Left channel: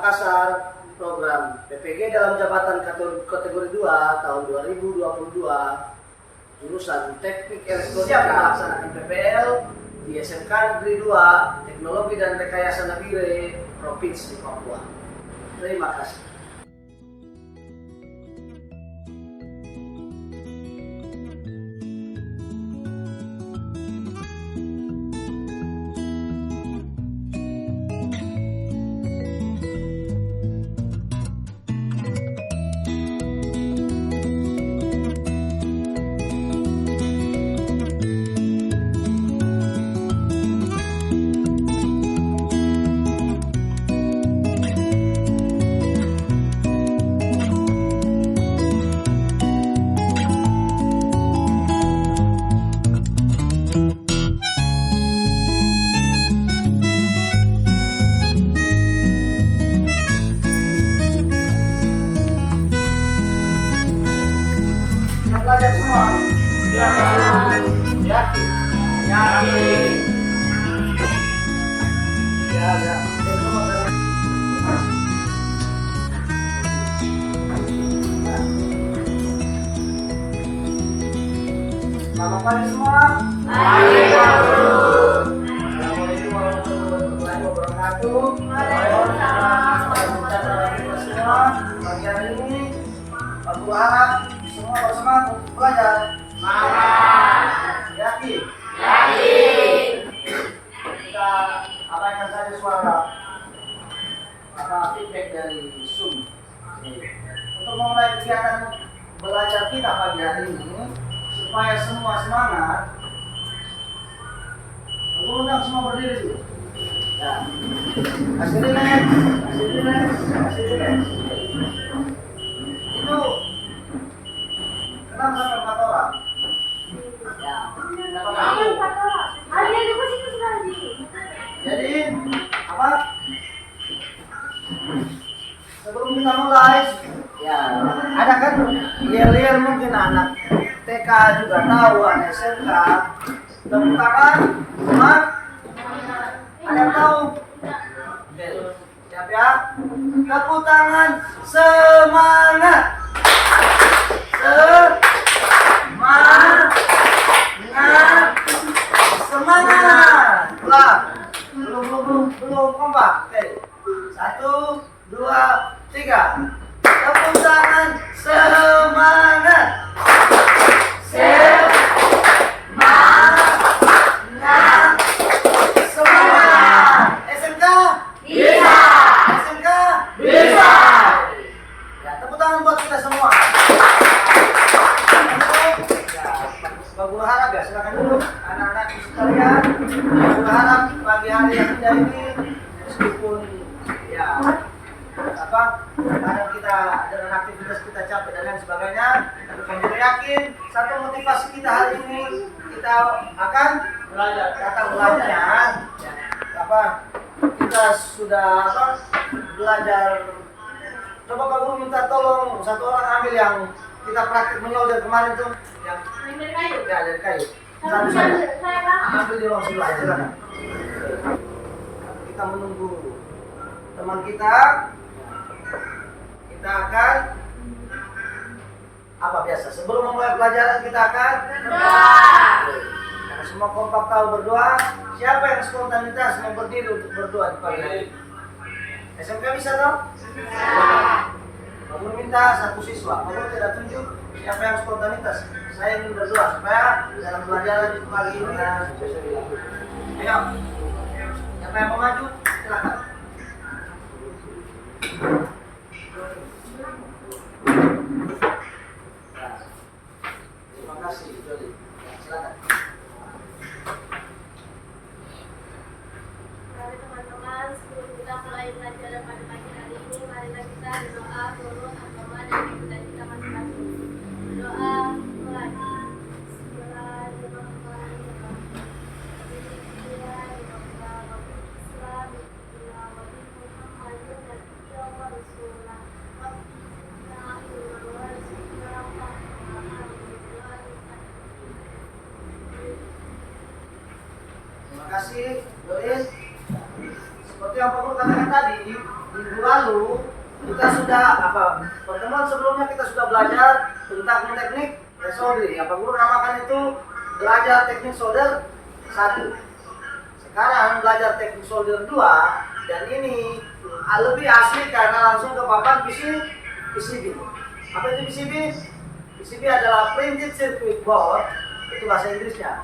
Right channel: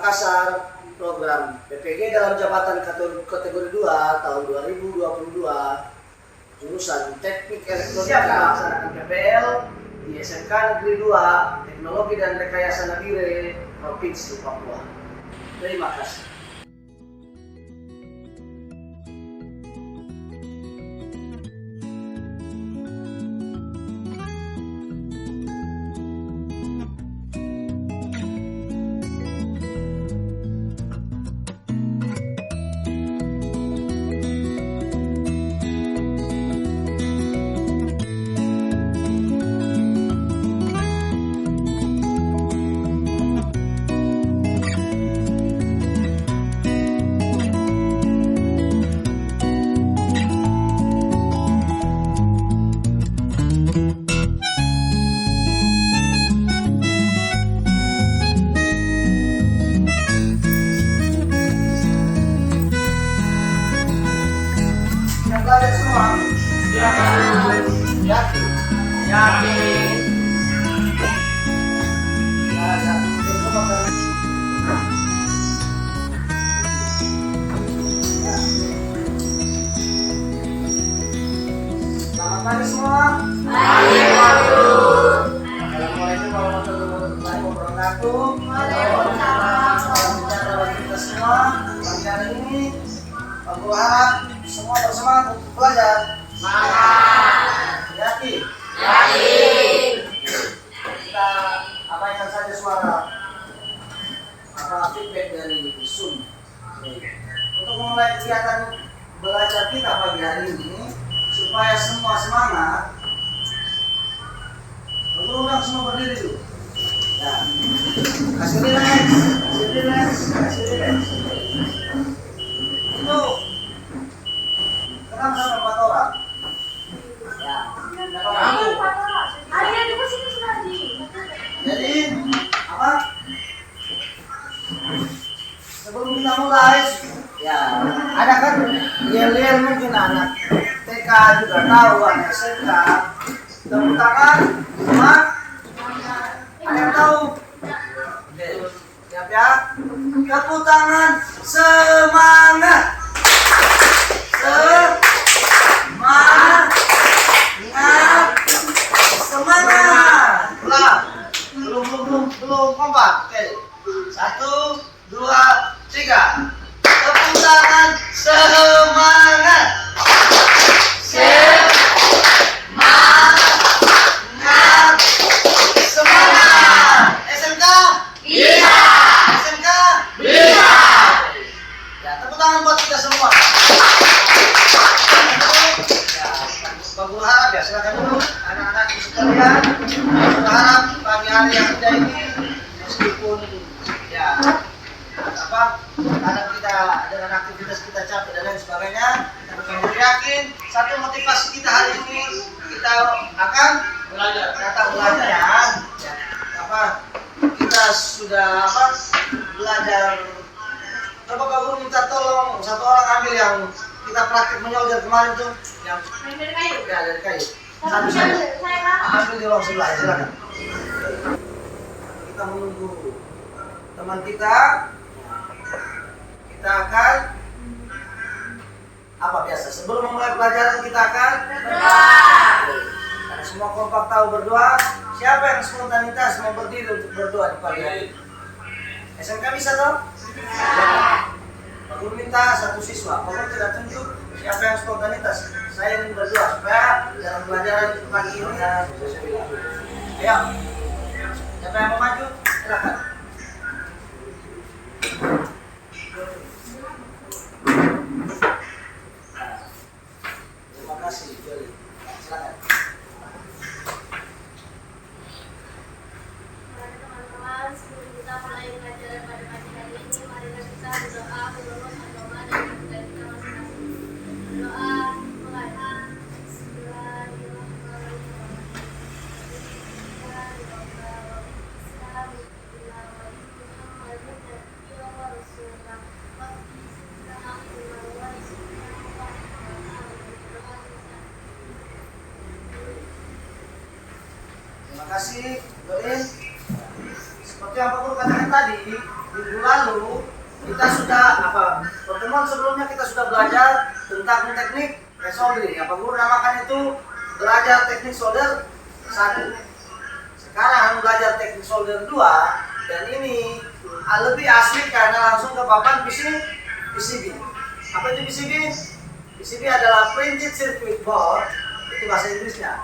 Makassar, program PPG dalam jabatan kategori 2 tahun 2022, jurusan Teknik Elektronika melaksanakan PPL di SMK Negeri 2 Teknologi dan Rekayasa Nabire, Provinsi Papua. Terima kasih. Belajar semua? Yakin? Yakin. Ya, ya. Selamat pagi semua. Pagi, Pak Guru. Assalamualaikum warahmatullahi wabarakatuh. Waalaikumsalam. Kita semua pagi hari ini Pak Guru harap semua bersemangat untuk belajar. Semangat. Yakin? Yakin. Kita abaikan saja suara feedback dari Zoom. Untuk memulai kegiatan belajar kita pagi hari ini, supaya semua semangat, undang semua berdiri dulu. Ya. Kasih relax. Itu kenapa sampai 4 orang? Ya. Jadi apa? Sebelum kita mulai, ya ada kan yel-yel mungkin anak TK juga tahu, anak SMK. Tepuk tangan, semua? Ada yang tahu? Oke, siap ya? Tepuk tangan, semangat! Semangat! Belum kompak. Oke. 1, 2, 3. Tepuk tangan, semangat! Semangat! SMK? Bisa! SMK? Bisa! Ya, tepuk tangan buat kita semua. Pak Guru harap ya, silakan dulu anak-anak sekalian. Pak Guru harap pagi hari yang indah ini, meskipun ya kadang kita dengan aktivitas kita capek dan lain sebagainya, tapi Pak Guru yakin satu motivasi kita hari ini kita akan belajar. Kata belajar ya, kita sudah belajar. Coba Pak Guru minta tolong satu orang ambil yang kita praktik menyolder kemarin tuh, yang dari kayu. Ya, dari kayu. Satu saja. Ambil di ruang sebelah, silakan. Kita menunggu teman kita. Kita akan apa biasa? Sebelum memulai pelajaran kita akan berdoa. Karena semua kompak tahu berdoa. Siapa yang spontanitas mau berdiri untuk berdoa di pagi hari? SMK bisa toh? Bisa. Baru minta satu siswa, kalau tidak tunjuk siapa yang spontanitas. Saya ingin berdoa supaya dalam pelajaran pagi ini ayo, siapa yang mau maju? Silakan. Terima kasih, Joli. Silakan. Mari teman-teman, sebelum kita mulai pelajaran pada pagi hari ini, marilah kita berdoa menurut agama dan keyakinan kita masing-masing. Doa mulai. Terima kasih, Joli. Seperti yang Pak Guru katakan tadi, minggu lalu kita sudah pertemuan sebelumnya kita sudah belajar tentang teknik resoldering. Pak Guru namakan itu belajar teknik solder 1. Sekarang belajar teknik solder 2 dan ini lebih asli karena langsung ke papan PCB. Apa itu PCB? PCB adalah printed circuit board, itu bahasa Inggrisnya.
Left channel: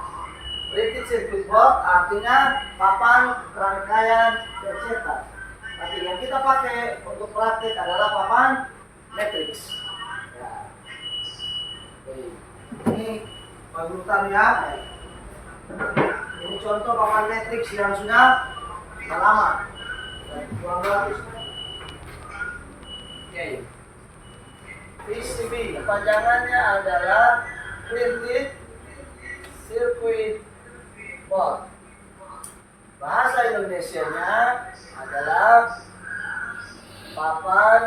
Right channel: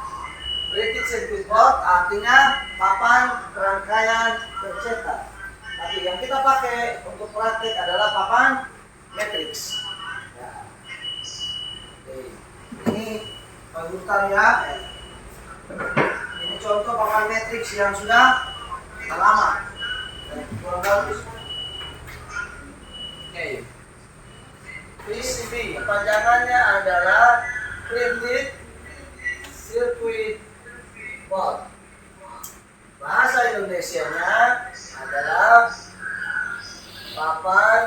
Printed circuit board artinya papan rangkaian tercetak. Tapi yang kita pakai untuk praktik adalah papan matrix. Ya. Oke. Ini panutan ya. Ini contoh papan matrix yang sudah lama. Kurang bagus. Oke. PCB panjangannya adalah printed circuit board. Bahasa Indonesianya adalah papan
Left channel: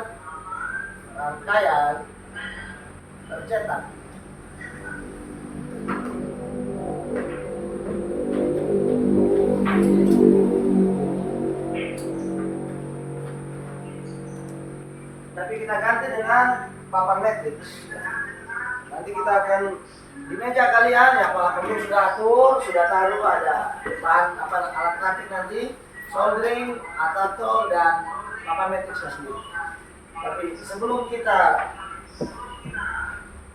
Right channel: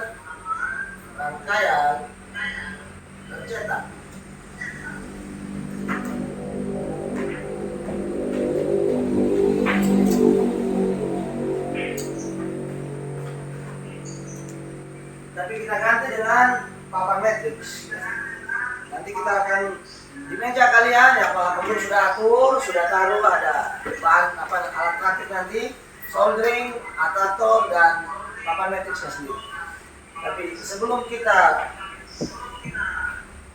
rangkaian tercetak. Tapi kita ganti dengan papan matrix. Nanti kita akan di meja kalian ya, Pak Guru sudah atur, sudah taruh ada bahan alat praktik nanti, soldering, atator dan papan matrixnya sendiri. Tapi sebelum kita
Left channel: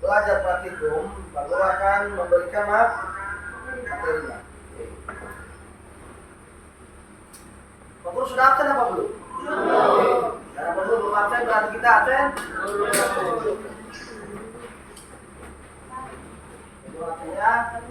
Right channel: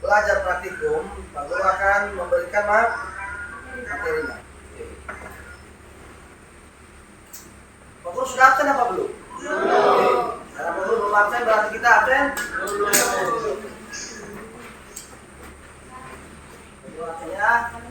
belajar praktikum, Pak Guru akan memberikan materinya. Pak Guru sudah absen apa belum? Belum. Karena Pak Guru belum absen berarti kita absen? Belum. Ya.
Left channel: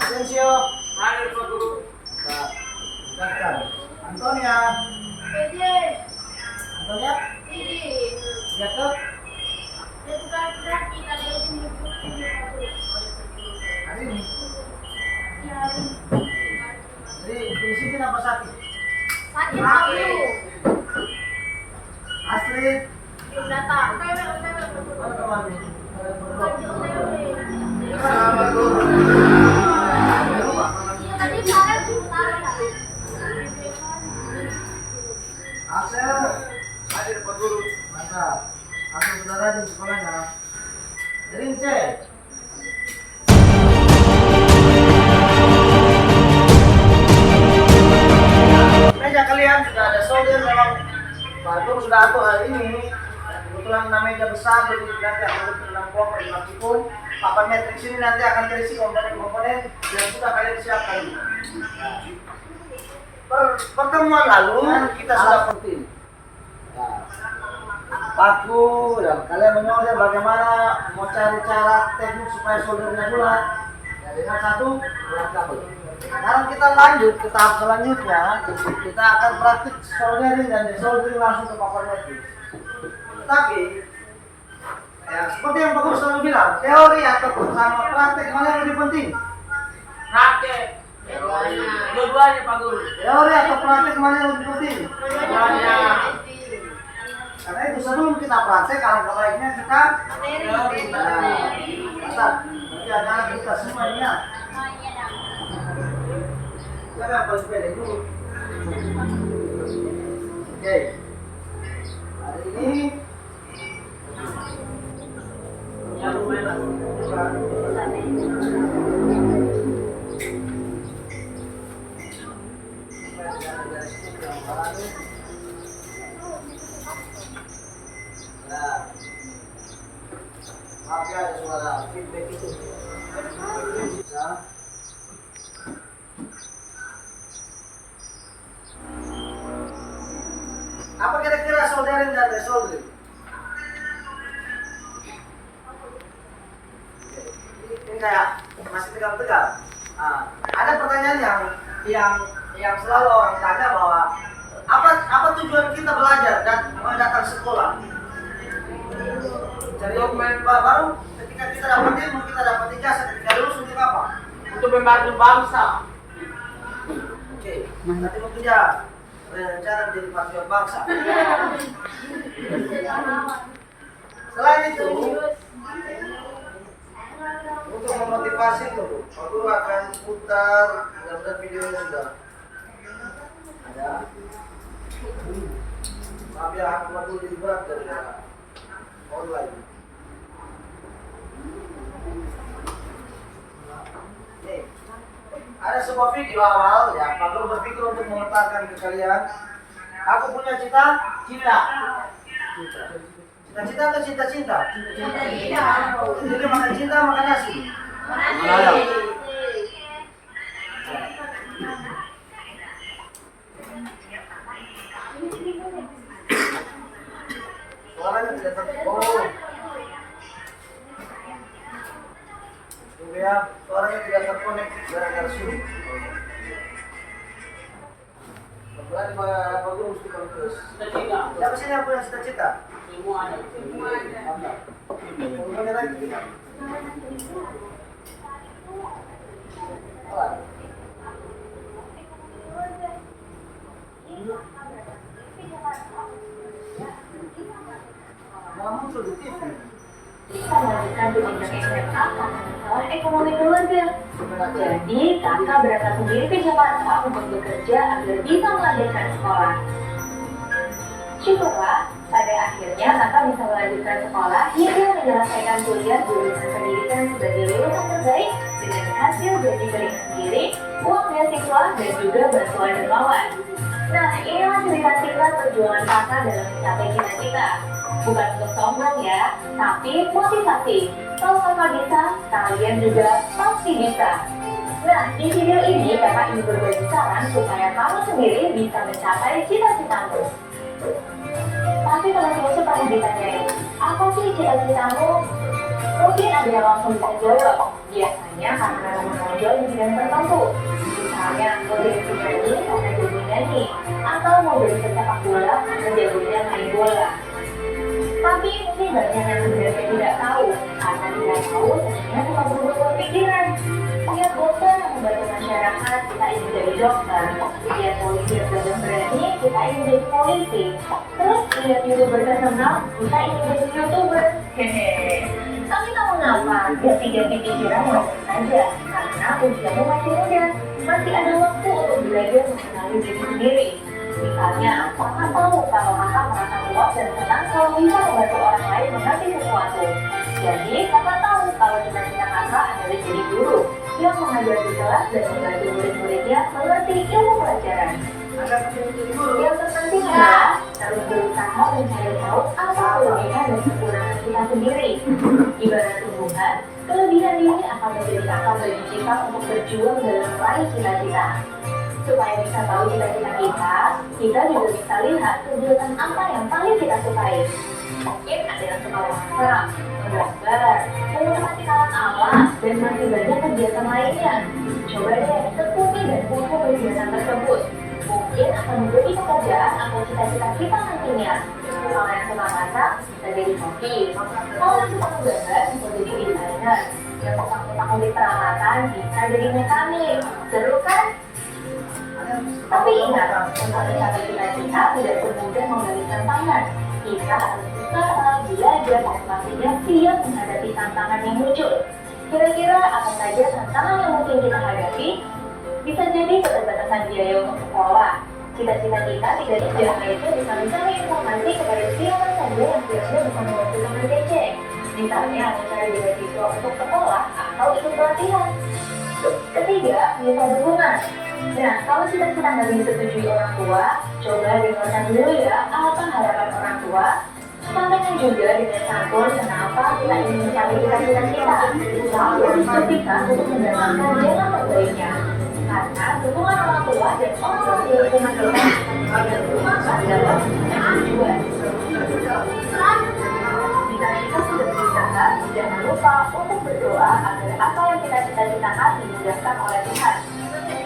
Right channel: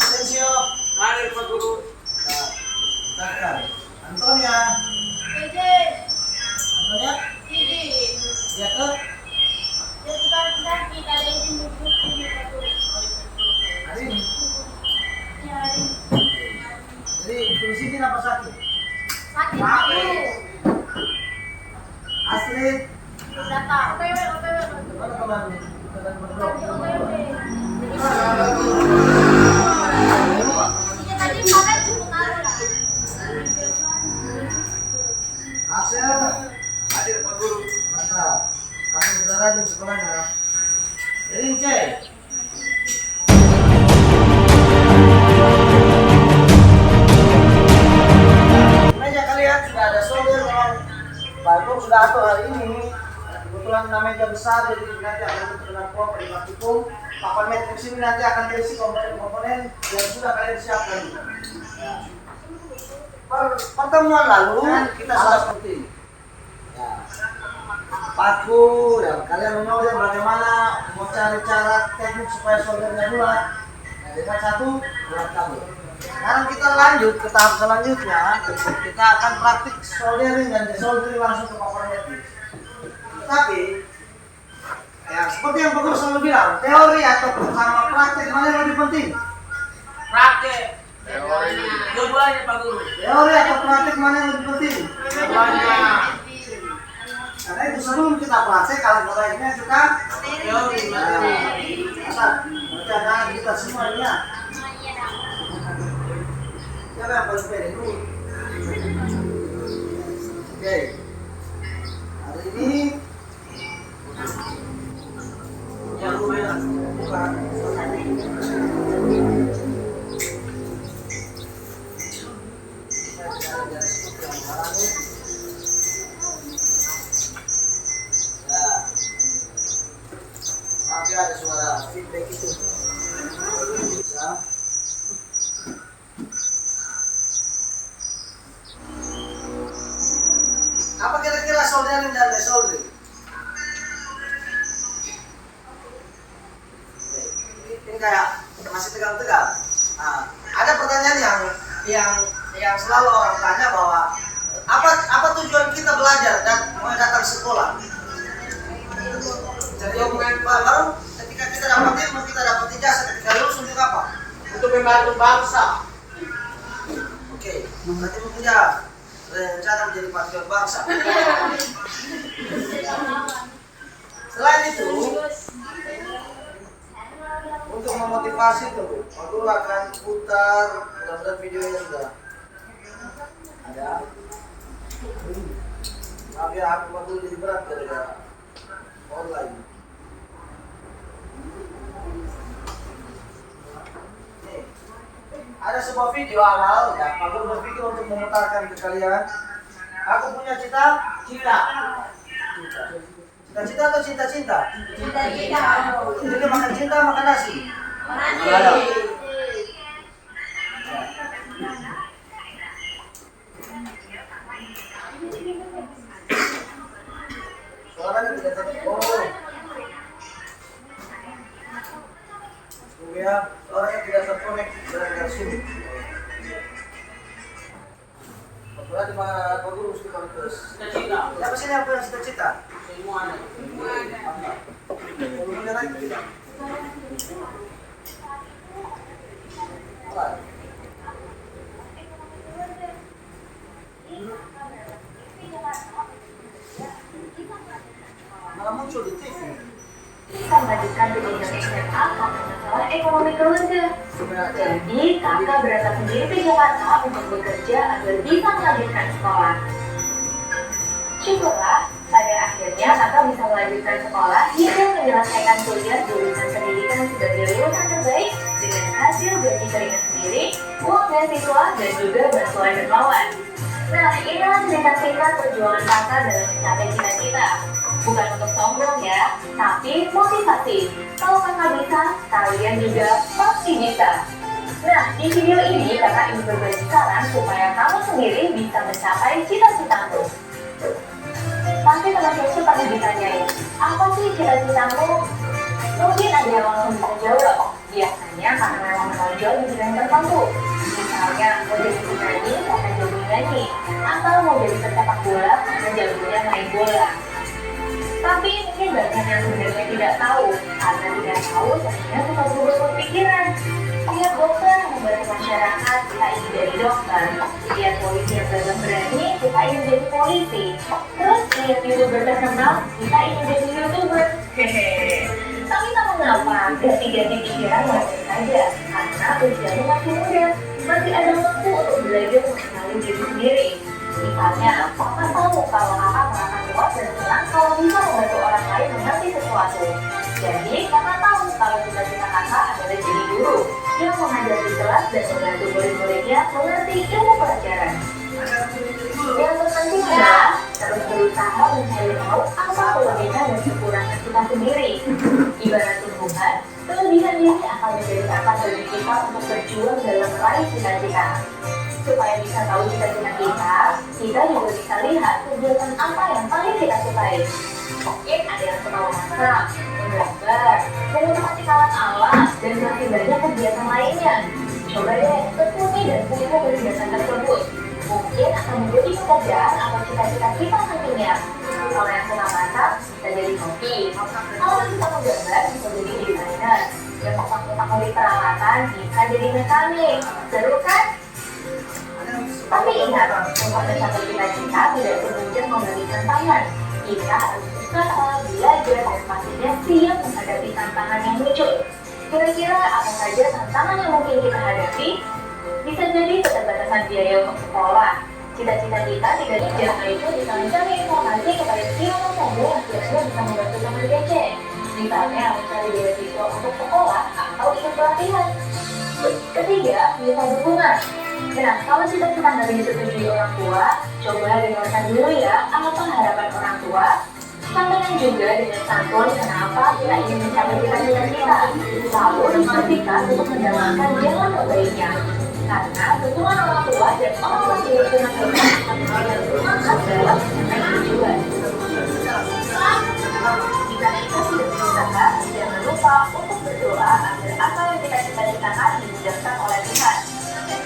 Asensio, hadir Pak Guru. Silakan. Antonia. Antonia? Ya ke? Hari ini? Jadi fungsi apa sakit? Sakit paru. Astrid, Belum datang. mana temanmu? Iya tadi kemarin sebentar. Axel, Hadir Pak Guru. mantap. Aku sudah rajin sekolahnya. Rince. Meja kalian sudah ada solder, memang Pak Guru sudah atur hari ini. Kebetulan meja besar, jadi nanti akan berkenaan di praktikum. Papan matrix ini nanti akan terisi komponen-komponen yang sudah kalian siapkan. Pertemuan lalu kita sudah penting. Paku dan kalian mengajar bagaimana mau cari cara teknik supaya soldernya bulat. Nah, dengan satu bulat kabel. Sekarang kita lanjut ke tahap selanjutnya. Kita akan praktik soldering dan desoldering langsung ke papan matrix. Tapi ya, seperti yang Pak Guru selalu bilang, teori atau sama praktik mana yang lebih penting? Praktek. Dua-duanya Pak Guru. Teori atau praktik mana yang lebih penting? Dua-duanya. Karena itu sebelum kita praktek, kalau baiknya kita Teori. Asal, nanti ada kita semua ini ya. Siapa yang paling pede dulu? Oke. Hari ini Yang lumayan. bukan. Maaf ya, ada suara feedback itu. Ya. Apa kira-kira soldering dan desoldering? Ini kayak masih tegang-tegang. Nah, ada pertanyaan yang selalu orang tanya bahwa apa tujuan kita belajar dan datang sekolah? Jadi baru ketika kita dapat ilmu, kita dapat ijazah, ketika lulus untuk apa? Untuk membantu bangsa. Oke. Nanti mau punya rencana menjadi patriot bangsa. Selain itu, untuk memotivasi itu, aku akan putar mudah-mudahan videonya sudah ada. Maaf ya, aku waktu jadi berat dari online. Nih, ada sebuah video awal ya, aku berpikir untuk memutarkan ke kalian. Aku punya cita-cita. Cita-cita atau cinta-cinta? Cita-cita. Jadi makan cinta, makan nasi. Suaranya tidak terkonek. Tunggu ya, suaranya tidak terkonek gara-gara sulit. Berarti Pak Guru mesti kontes. Cita-cita. Siapa sini yang punya cita-cita? Semua ada. Mantap. Volumenya naik tidak? Apa? Malah muncul di TV. Bisa melanjutkan pendidikan SMA karena masalah ekonomi keluarga. Jadi, kakak berangkat sendiri ke Jakarta untuk bekerja agar bisa melanjutkan sekolah. Syukurlah, pada akhirnya kakak bisa melanjutkan sekolah hingga menyelesaikan kuliah jurusan pendidikan sebagai lulusan terbaik dengan hasil gaji keringat sendiri, uang beasiswa, dan juga bantuan dermawan. Nah, inilah cerita singkat perjuangan kakak dalam mencapai cita-cita. Bukan untuk sombong ya, tapi motivasi. Kalau kakak bisa, kalian juga pasti bisa. Nah, di video ini kakak ingin berbagi saran supaya kamu sendiri bisa mencapai cita-citamu. Pasti teman-teman tuh pernah ditanyain, apa sih cita-citamu? Mungkin ada yang langsung bisa jawab. Biasanya karena memang menonjol di bidang tertentu. Misalnya, mau jadi penyanyi karena jago nyanyi, atau mau jadi pesepak bola karena jagonya main bola. Tapi mungkin banyak yang sebenarnya tidak tahu, karena tidak tahu sebenarnya suka berubah pikiran. Lihat dokter yang membantu masyarakat, kita ingin jadi dokter. Lihat polisi yang dalam berani, kita ingin jadi polisi. Terus lihat YouTuber terkenal, kita ingin jadi YouTuber. Hehehe. Tapi tak mengapa, ganti-ganti pikiran wajar saja, karena usianya masih muda. Masih ada waktu untuk belajar mengenali diri sendiri. Misalnya, kakak tahu kalau kakak merasa puas dan senang kalau bisa membantu orang lain mengerti sesuatu. Jadi, kakak tahu kalau cita-cita kakak adalah jadi guru yang mengajar di kelas dan membantu murid-muridnya mengerti ilmu pelajaran. Yang terpenting adalah terus berusaha mencari tahu apa kelebihan dan kekurangan kita sendiri. Ibarat tumbuhan, kelebihan ini akan menjadi kakak bagi kita untuk berjuang dalam meraih cita-cita. Supaya bisa tahu cita-cita kita juga bisa lihat kegiatan apa yang paling kita sukai. Mungkin ada yang suka memasak, menggambar, menikmati kawan alam, dan masih banyak kegiatan lainnya. Coba deh, tekuni dan punya kegiatan tersebut. Mungkin akan menjadi pekerjaan atau cita-cita kita nantinya. Kalau yang suka masak, bisa jadi hobi. Kalau yang suka menggambar, bisa jadi desainer. Yang suka ngutak-ngulik peralatan, bisa jadi mekanik. Seru kan? Tapi ingat, untuk mencapai cita-cita tidak semudah membalikan tangan. Kita harus usaha, belajar, dan pastinya siap menghadapi tantangan yang muncul. Kira-kira apa saja tantangan yang mungkin kita hadapi? Bisa jadi keterbatasan biaya untuk sekolah. Cita-cita kita tidak dijangka itu bisa mencari informasi kepada siapa saja yang kira-kira bisa membantu teman kece. Misalnya mencari beasiswa untuk sekolah atau ikut pelatihan. Ketiga, minta dukungan. Nah, kalau cita-cita nggak disetujui orang tua, coba dengarkan dulu ya apa harapan orang tua. Sampaikan juga dengan santun kenapa kita ingin mencapai cita-cita kita. Lalu dipastikan untuk mendapatkan jalan terbaiknya. Karena dukungan orang tua dan orang tua di lingkungan kita akan memberikan semangat dalam mencapai tujuan. Jika kita sudah berusaha, jangan lupa untuk berdoa agar apa yang kita cita-citakan dimudahkan oleh Tuhan.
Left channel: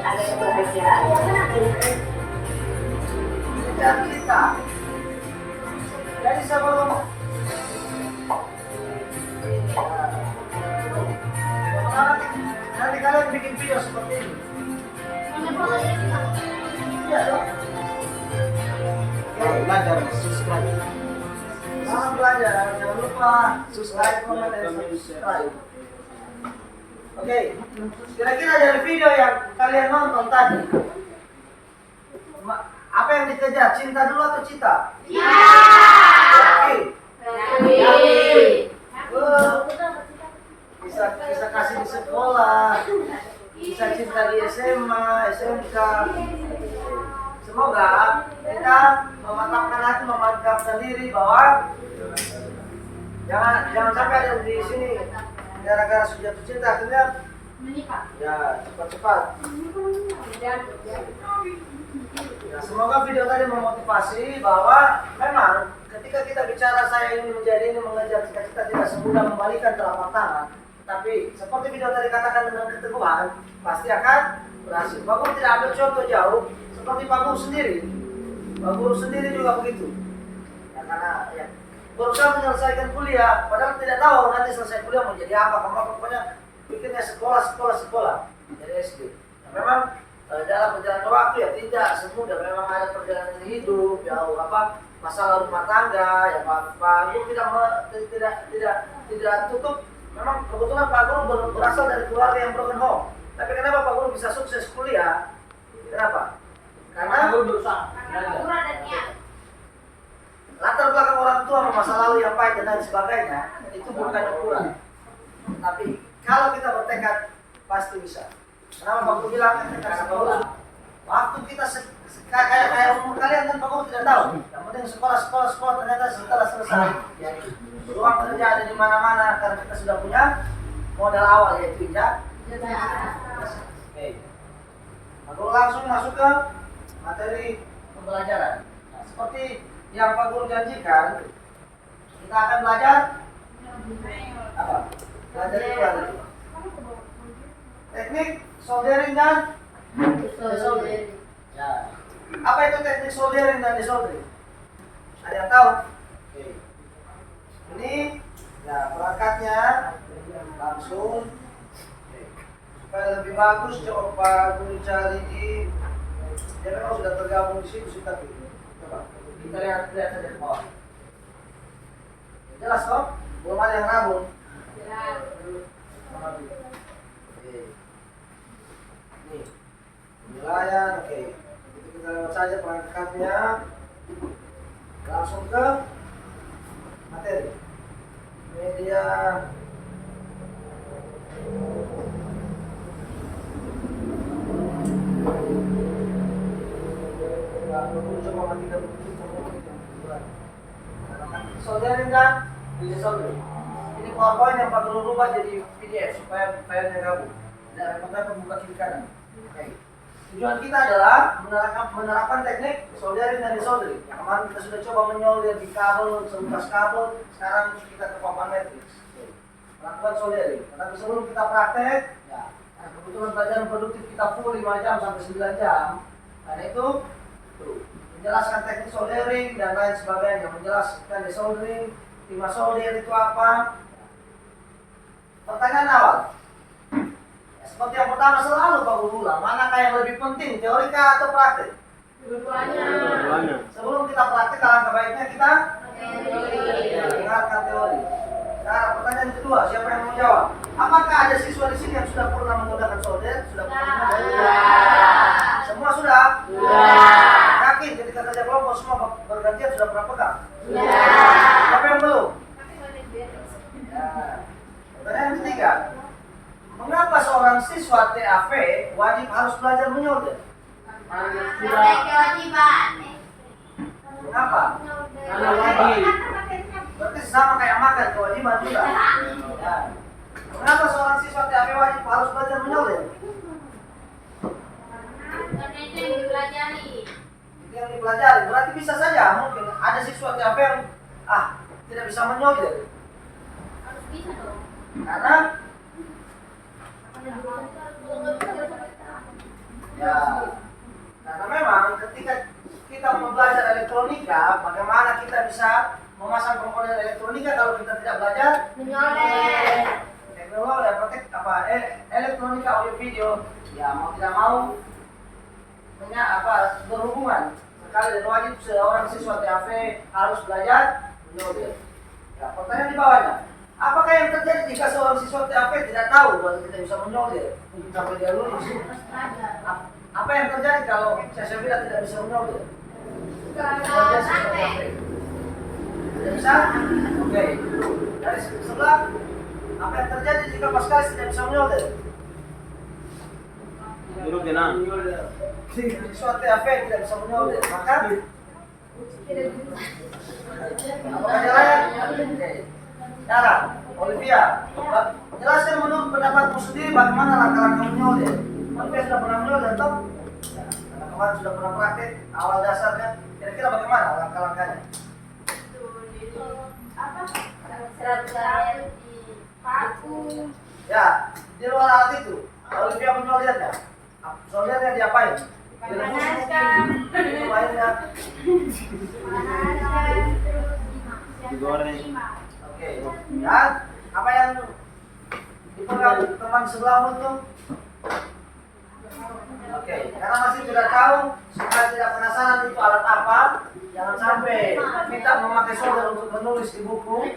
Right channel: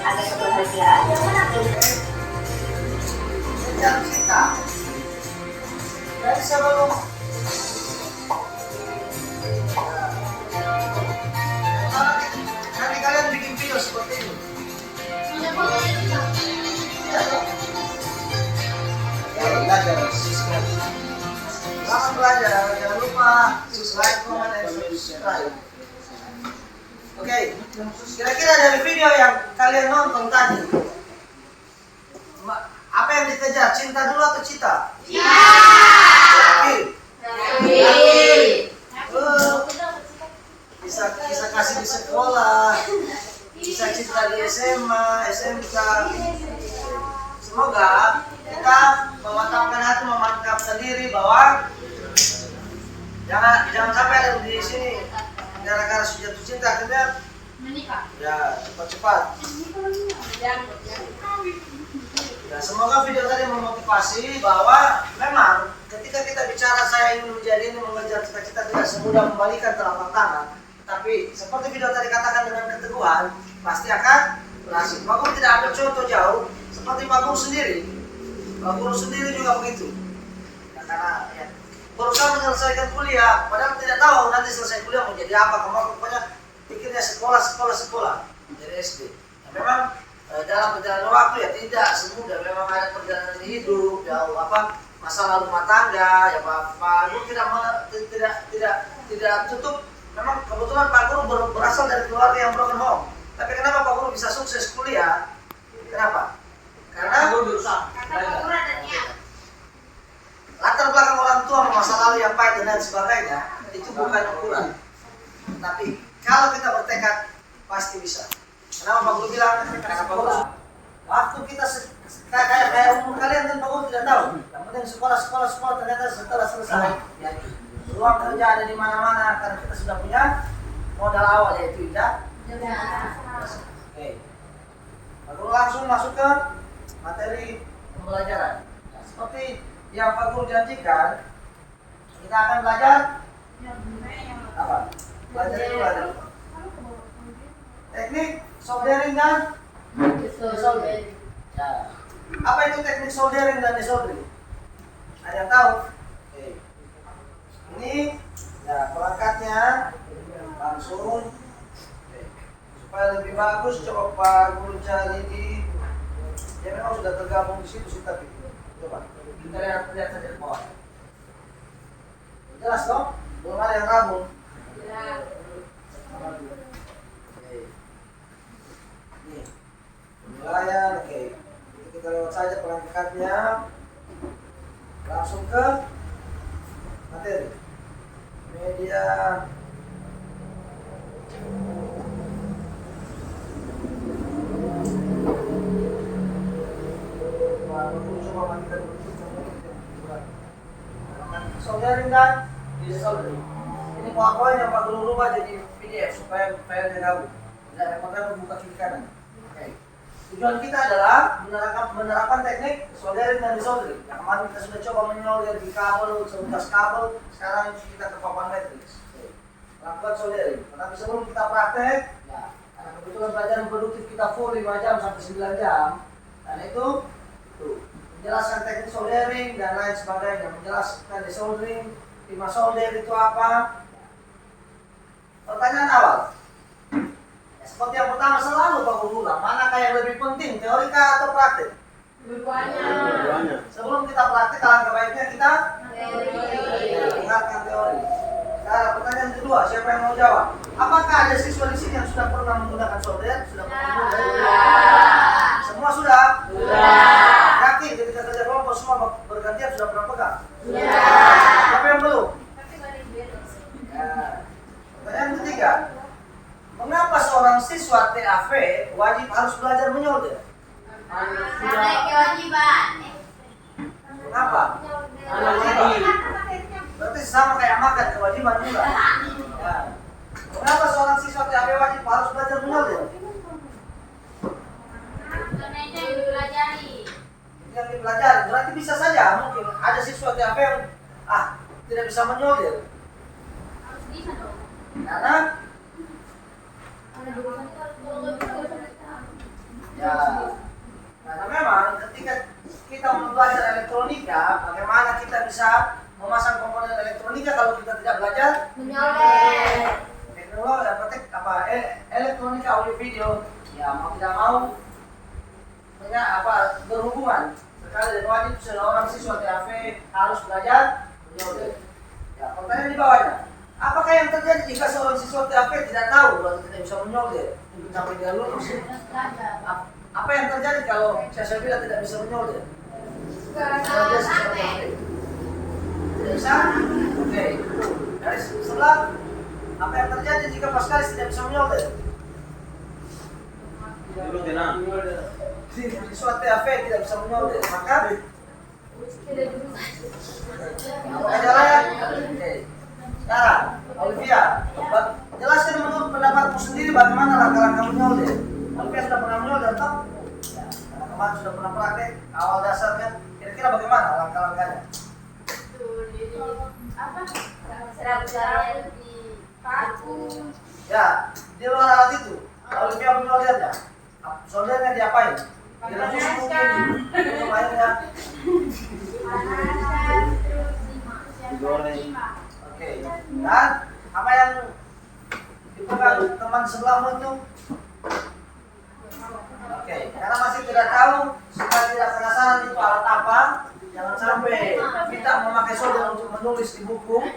Ada kebahagiaan yang menanti. Cita-cita. Jadi sebelum nanti kalian bikin video seperti ini. pembelajaran. Selamat belajar, jangan lupa like, comment, dan subscribe. Oke, kira-kira dari video yang kalian nonton tadi, apa yang dikejar? Cinta dulu atau cita? Yakin? Bisa kasih di sekolah, bisa cinta di SMA, SMK. Semoga kita memantapkan hati, memantapkan diri bahwa jangan sampai ada di sini gara-gara jatuh cinta akhirnya Menikah. ya cepat-cepat. Ya, semoga video tadi memotivasi bahwa memang ketika kita bicara saya ingin menjadi ini, mengejar cita-cita, tidak semudah membalikan telapak tangan. Tapi seperti video tadi katakan, dengan keteguhan pasti akan berhasil. Pak Guru tidak ambil contoh jauh seperti Pak Guru sendiri. Pak Guru sendiri juga begitu. Ya, karena ya, berusaha menyelesaikan kuliah, padahal tidak tahu nanti selesai kuliah mau jadi apa. Kamu pokoknya pikirnya sekolah dari SD. Ya, memang dalam perjalanan waktu ya tidak semudah. Memang ada perjalanan hidup, jauh masalah rumah tangga. Ya Pak Guru tidak tutup. Memang kebetulan Pak Guru berasal dari keluarga yang broken home. Tapi kenapa Pak Guru bisa sukses kuliah? Kenapa? Karena latar belakang orang tua, masa lalu yang pahit dan lain sebagainya itu bukan ukuran. Tapi kalau kita bertekad pasti bisa. Kenapa Pak Guru bilang? Karena Pak Guru waktu kita kayak umur kalian kan Pak Guru tidak tahu. Yang penting sekolah ternyata setelah selesai ya peluang kerja ada di mana-mana karena kita sudah punya modal awal yaitu ijazah. Oke. Pak Guru langsung masuk ke materi pembelajaran. Nah, seperti yang Pak Guru janjikan, kita akan belajar apa? Belajar teknik soldering dan desoldering. Ya. Apa itu teknik soldering dan desoldering? Ada yang tahu? Oke. Ini ya perangkatnya langsung. Oke. Supaya lebih bagus coba Pak Guru cari di. Ya memang sudah tergabung di situ sih tapi coba kita lihat saja di bawah. Jelas toh? Belum ada yang rabun. Jelas. Oke. Nih. Penilaian, oke. Jadi kita lewat saja perangkatnya. Langsung ke materi. Media. Baru coba matikan dulu. Soldering dan desoldering. Ini powerpoint yang Pak Guru rubah jadi PDF supaya filenya gabung. Tidak repot-repot buka kiri kanan. Oke. Tujuan kita adalah menerapkan teknik soldering dan desoldering. Yang kemarin kita sudah coba menyolder di kabel, seutas kabel. Sekarang kita ke papan matriks. Melakukan soldering. Tapi sebelum kita praktek, ya, karena kebetulan pelajaran produktif kita full 5 jam sampai 9 jam. Karena itu tuh, menjelaskan teknik soldering dan lain sebagainya, menjelaskan desoldering, timah solder itu apa. Pertanyaan awal. Ya, seperti yang pertama selalu Pak Guru ulang, manakah yang lebih penting, teori kah atau praktek? Dua-duanya. Sebelum kita praktek, alangkah baiknya kita dengarkan teori. Nah, pertanyaan kedua, siapa yang mau jawab? Apakah ada siswa di sini yang sudah pernah menggunakan solder? Sudah pernah menggunakan? Semua sudah? Yakin ketika kerja kelompok semua bergantian sudah pernah pegang? Siapa yang belum? Ya. Pertanyaan ketiga, mengapa seorang siswa TAV wajib harus belajar menyolder? Karena kewajiban. Kenapa? Berarti sama kayak makan, kewajiban juga. Ya. Mengapa seorang siswa TAV wajib harus belajar menyolder? Karena itu yang dipelajari. Yang dipelajari, berarti bisa saja mungkin ada siswa TAV yang tidak bisa menyolder. Harus bisa dong. Karena ya, karena memang ketika kita belajar elektronika, bagaimana kita bisa memasang komponen elektronika kalau kita tidak belajar Menyolder. teknologi elektronika audio video, ya mau tidak mau berhubungan sekali dan wajib seorang siswa TAP harus belajar menyolder. Ya, pertanyaan di bawahnya. Apakah yang terjadi jika seorang siswa TAP tidak tahu bahwa tidak bisa menyolder untuk sampai dia lulus? Apa yang terjadi kalau saya bilang tidak bisa menyolder? Tidak bisa? Oke, itu. Dari sebelah, apa yang terjadi jika Paskalis tidak bisa menyolder? Siswa TAP tidak bisa menyolder, maka apakah jalan? Oke. Cara, Olivia, jelaskan menurut pendapatmu sendiri bagaimana langkah-langkah menyolder. Olivia sudah pernah menyolder atau? Ya, karena kemarin sudah pernah praktek awal dasar kan. Kira-kira bagaimana langkah-langkahnya? Ya, di luar alat itu, Olivia menyoldernya. Soldernya diapain? Direbus mungkin, itu mainnya. Oke, dan apa yang dipegang teman sebelahmu itu? Oke, karena masih tidak tahu, supaya tidak penasaran itu alat apa, jangan sampai kita memakai solder untuk menulis di buku.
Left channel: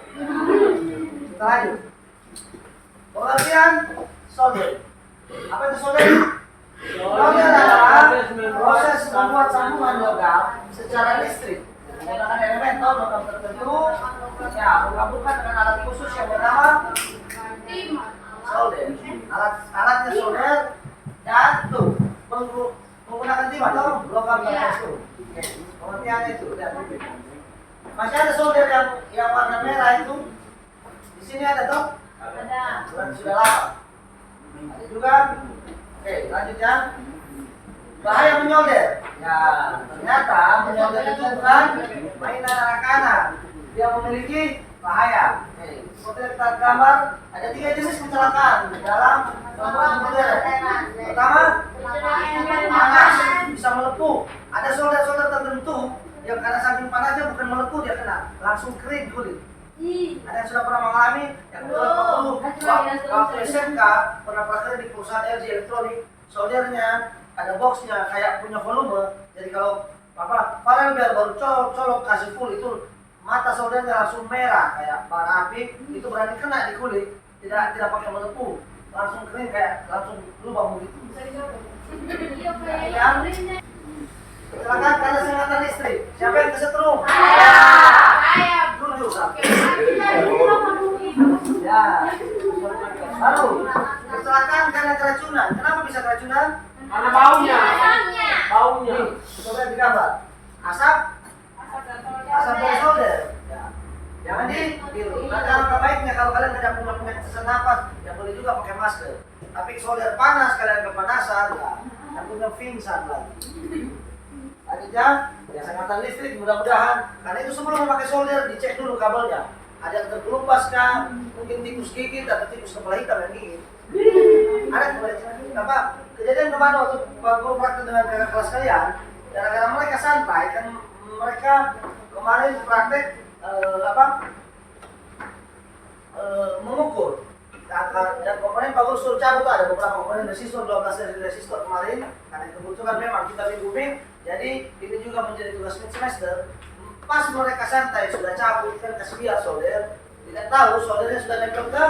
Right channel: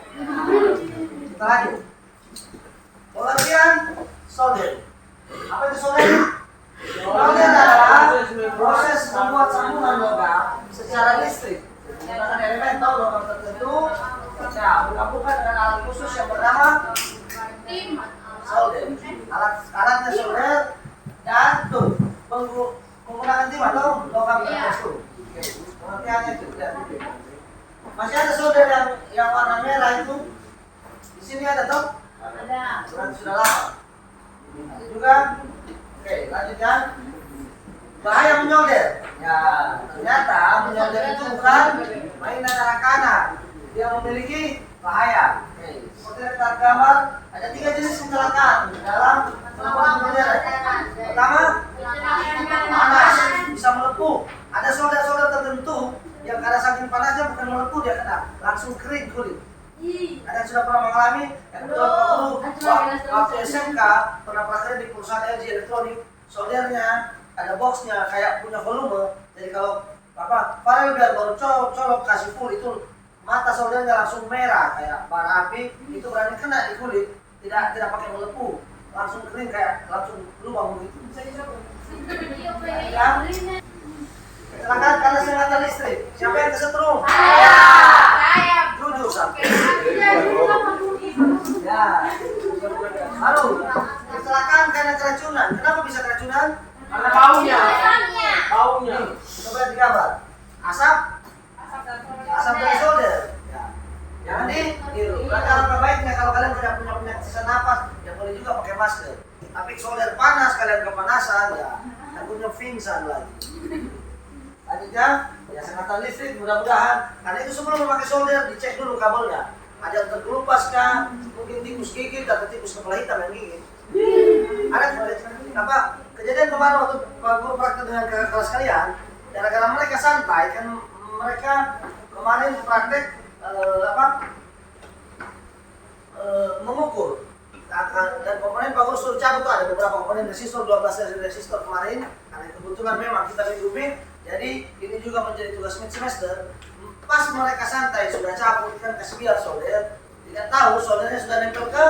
Kita lanjut. Pengertian solder. Apa itu solder? Solder adalah proses membuat sambungan logam secara listrik menggunakan elemen atau logam tertentu. Ya, menggabungkan dengan alat khusus yang bernama solder. Alatnya solder dan tuh menggunakan tim atau logam tertentu. Oke, pengertiannya itu. Masih ada solder yang warna merah itu. Di sini ada toh? Ada. Sudah lama. Ada juga. Oke, lanjut ya. Bahaya menyolder. Ya, ternyata menyolder itu bukan mainan anak-anak. Dia memiliki bahaya. Oke, seperti yang kita gambar, ada 3 jenis kecelakaan dalam membuat menyolder. Pertama, panas, bisa melepuh. Ada solder-solder tertentu yang karena saking panasnya bukan melepuh dia kena, langsung kering kulit. Ada yang sudah pernah mengalami, yang kedua waktu SMK pernah praktek di perusahaan LG Elektronik, soldernya ada boxnya kayak punya volume, jadi kalau Farel biar baru colok kasih full itu mata soldernya langsung merah kayak bara api, itu berani kena di kulit, tidak pakai melepuh, langsung kering kayak langsung lubang begitu. Ya, kecelakaan karena sengatan listrik. Siapa yang kesetrum? Jujur sampai. Ya. Lalu kecelakaan karena keracunan. Kenapa bisa keracunan? Karena baunya. Baunya. Coba digambar. Asap dari solder. Ya. Jangan ditiru. Maka alangkah baiknya kalau kalian tidak punya penyakit sesak napas, ya boleh juga pakai masker. Tapi solder panas, kalian kepanasan, ya takutnya pingsan lagi. Lanjutnya, ya sengatan listrik mudah-mudahan. Karena itu sebelum memakai solder dicek dulu kabelnya. Ada yang terkelupas kah? Mungkin tikus gigit atau tikus kepala hitam yang gigit. Ada kejadian kemarin waktu Pak Guru praktek dengan kakak kelas kalian. Gara-gara mereka santai kan mereka kemarin praktek mengukur. Dan komponen Pak Guru suruh cabut tuh ada beberapa komponen resistor 12 resistor kemarin. Karena kebutuhan memang kita bimbing. Jadi ini juga menjadi tugas mid semester. Pas mereka santai sudah cabut kan kasih biar solder, tidak tahu soldernya sudah nempel ke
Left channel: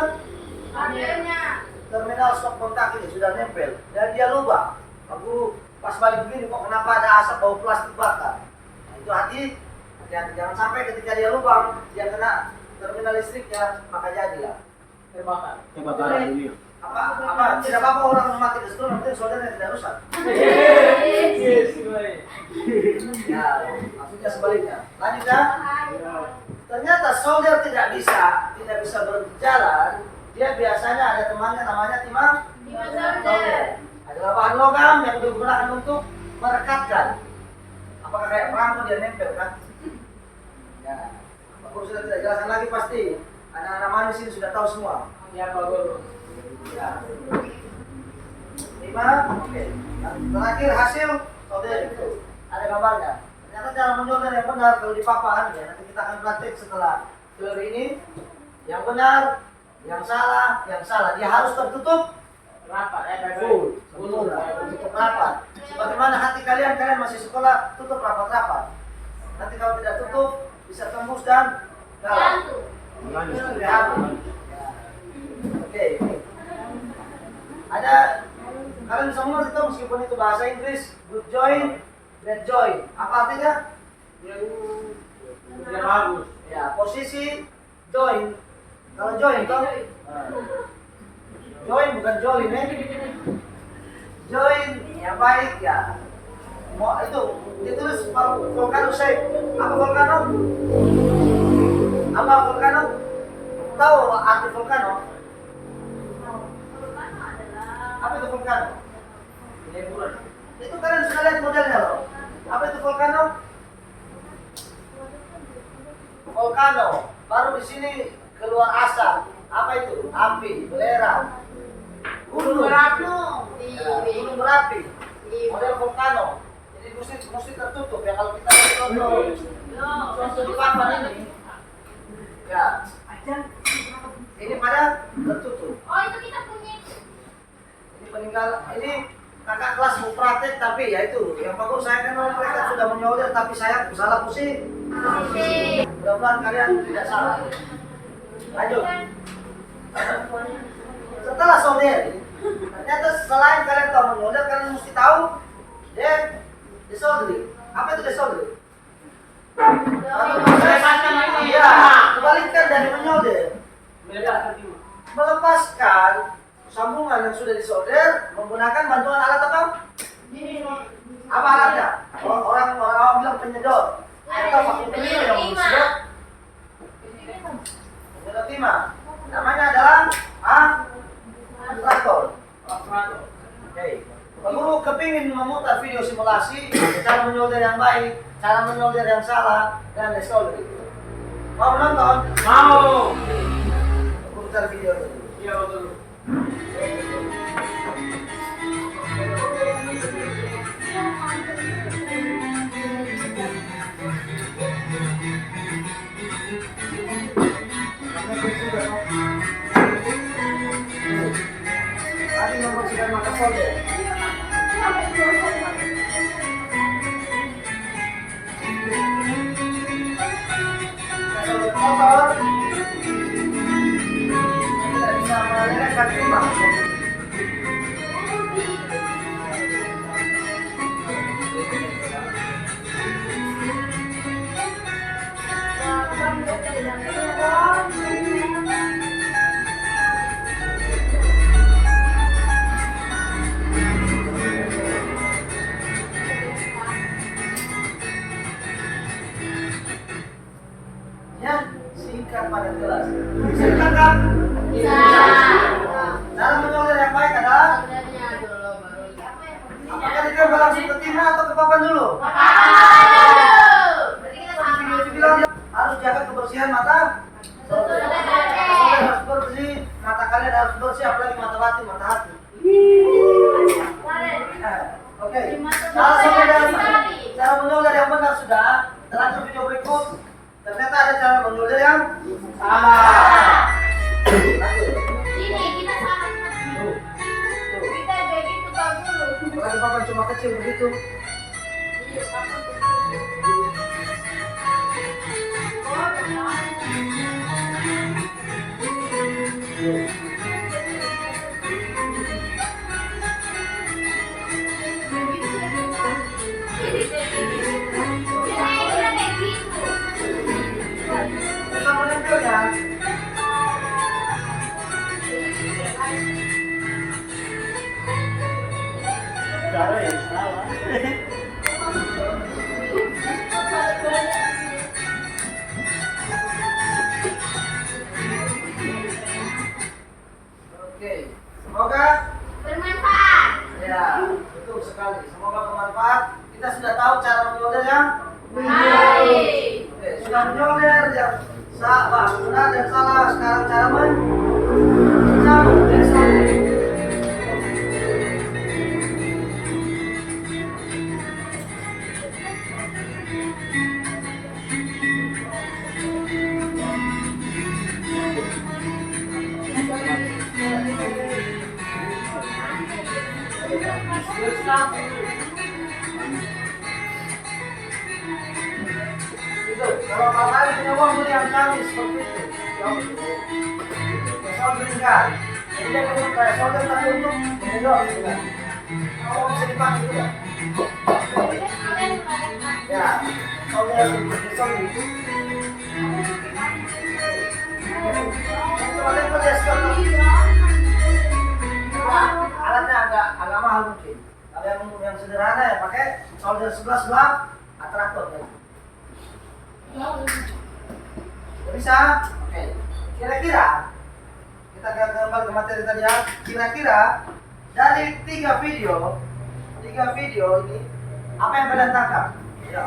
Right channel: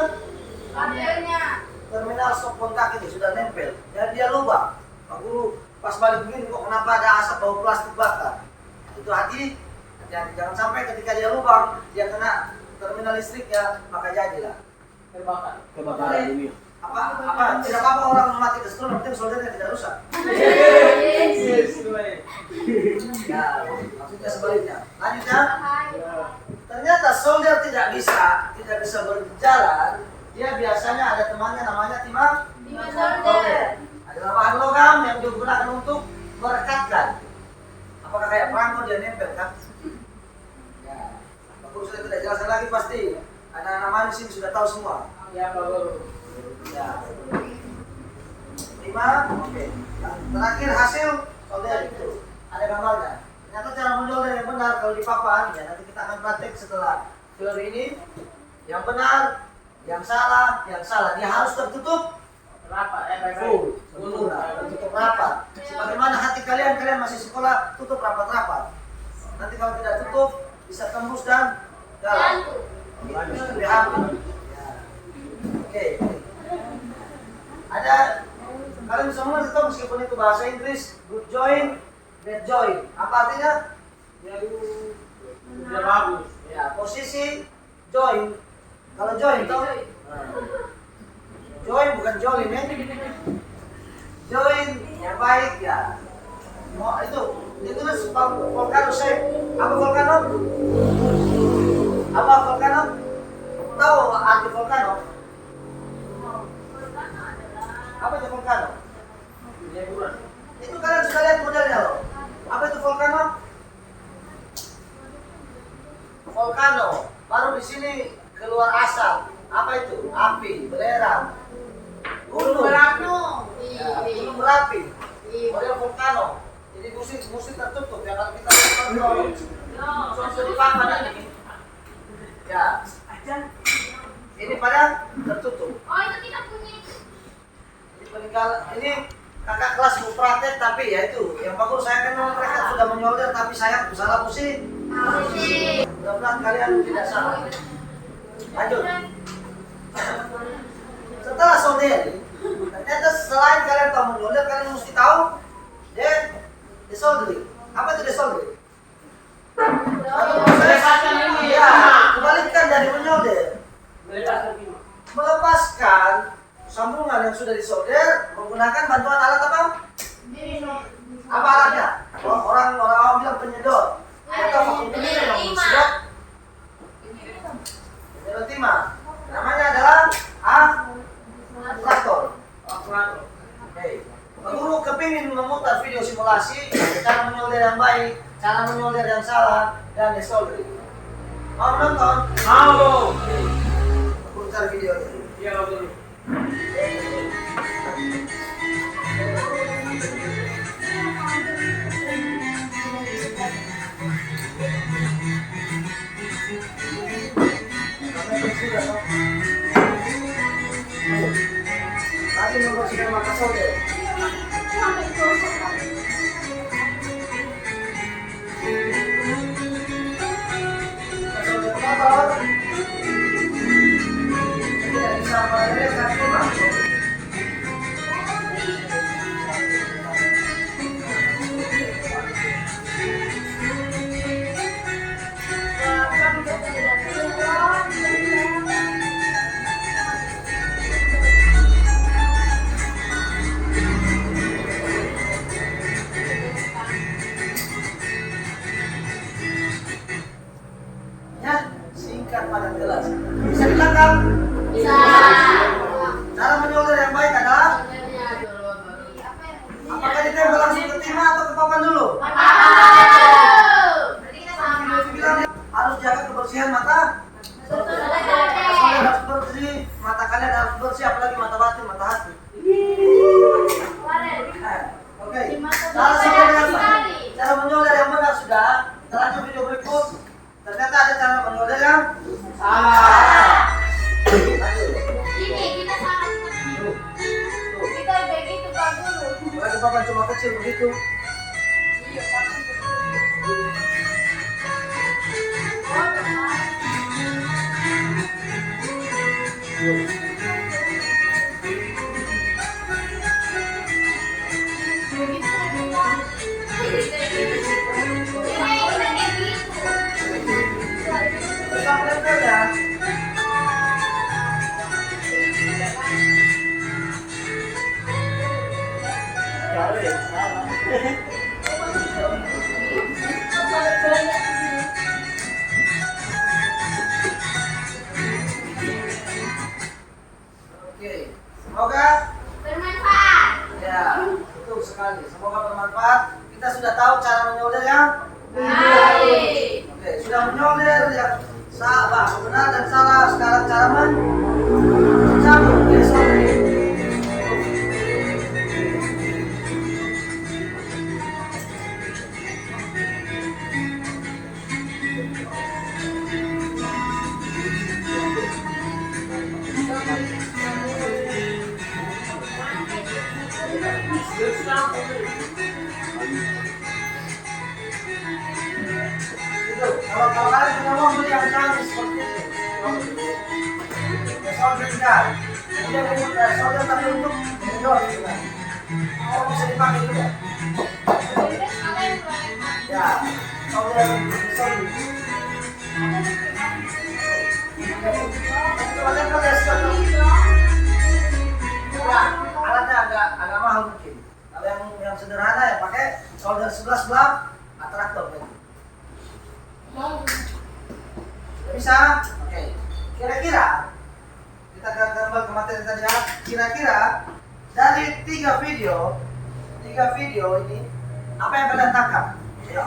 terminal stop kontak ini sudah nempel dan dia lubang. Pak Guru pas balik begini kok kenapa ada asap bau plastik bakar? Nah, itu hati-hati jangan sampai ketika dia lubang dia kena terminal listriknya maka jadilah Kebakaran dunia. apa tidak apa-apa orang mati kesetrum yang penting soldernya tidak rusak. Ya, maksudnya sebaliknya. Lanjut ya. Ternyata solder tidak bisa berjalan. Dia biasanya ada temannya namanya timah solder. Adalah bahan logam yang digunakan untuk merekatkan. Apakah kayak perangko dia nempel kan? Ya. Pak Guru sudah tidak jelaskan lagi pasti. Anak-anak manis ini sudah tahu semua. Ya Pak Guru. Ya. 5, oke. Terakhir hasil solder itu ada gambarnya. Ternyata cara mensolder yang benar kalau di papan ya nanti kita akan praktek setelah teori ini. Yang benar, yang salah. Dia harus tertutup Rapat, baik-baik. Full, sempurna, tutup rapat. Sebagaimana hati kalian, kalian masih sekolah, tutup rapat-rapat. Nanti kalau tidak tutup, bisa tembus dan dalam. Itu lebih habis. Ya. Oke. Ada, kalian bisa mengerti itu meskipun itu bahasa Inggris, good join, bad join. Apa artinya? Dia bagus. Ya, posisi join. Kalau join itu join bukan join ya. Join yang baik ya. Mau itu ditulis volcano shape. Apa volcano? Apa volcano? Tahu arti volcano? Apa itu volcano? Itu kalian sudah lihat modelnya loh. Apa itu volcano? Volcano. Baru di sini keluar asap. Apa itu? Api, belerang. Gunung. Ya, gunung berapi. Model volcano. Jadi musim tertutup ya kalau kita lihat contoh di papan ini. Ya. Ini pada tertutup. Oh, itu kita punya. Ini peninggal ini kakak kelas mau praktek tapi ya itu yang bagus saya kenal mereka sudah menyolder tapi saya salah posisi. Mudah-mudahan kalian tidak salah. Lanjut. Setelah solder, ternyata selain kalian tahu menyolder, kalian mesti tahu desoldering. Apa itu desoldering? Ya, kebalikan dari menyolder. Melepaskan sambungan yang sudah disolder menggunakan bantuan alat apa? Apa alatnya? Orang bilang penyedot. Atau vakum cleaner yang disedot. Penyedot timah. Namanya adalah traktor. Oke. Pak Guru kepingin memutar video simulasi cara menyolder yang baik, cara menyolder yang salah, dan desoldering. Mau menonton? Mau. Pak Guru cari videonya. Iya betul. Tadi nomor sudah maka solder. Solder motor. Tidak bisa melelehkan timah. Ya, singkat padat jelas. Bisa ditangkap? Bisa. Cara menyolder yang baik adalah apakah ditembak langsung ke timah atau ke papan dulu? Berarti kita sama. Bilang dia harus jaga kebersihan mata. Solder harus bersih, mata kalian harus bersih, apalagi mata batin, mata hati. Oke. Cara menyolder yang benar sudah. Kita lanjut video berikut. Ternyata ada cara menyolder yang salah. Lanjut. Ini kita sama. Tuh. Kita begitu Pak Guru. Apalagi papan cuma kecil begitu. Iya, Pak Guru. Tetap menempel ya. Oke, semoga Bermanfaat. ya betul sekali. Semoga bermanfaat. Kita sudah tahu cara menyolder yang Baik. Oke, sudah menyolder yang benar dan salah. Sekarang cara mencabut desoldering. kalian punya uang beli yang canggih seperti itu. Ya solder kan. Kemudian solder tapi untuk menjual gitu kan. Oh bisa dipakai juga. Ya, solder. Kalian pakai solder. Ya, alatnya agak mahal mungkin. Kalau yang sederhana ya pakai solder sebelah atraktor kan. Bisa? Oke. Kira-kira kita kembali ke materi tadi ya. Kira-kira dari tiga video ini apa yang kalian tangkap? Ya.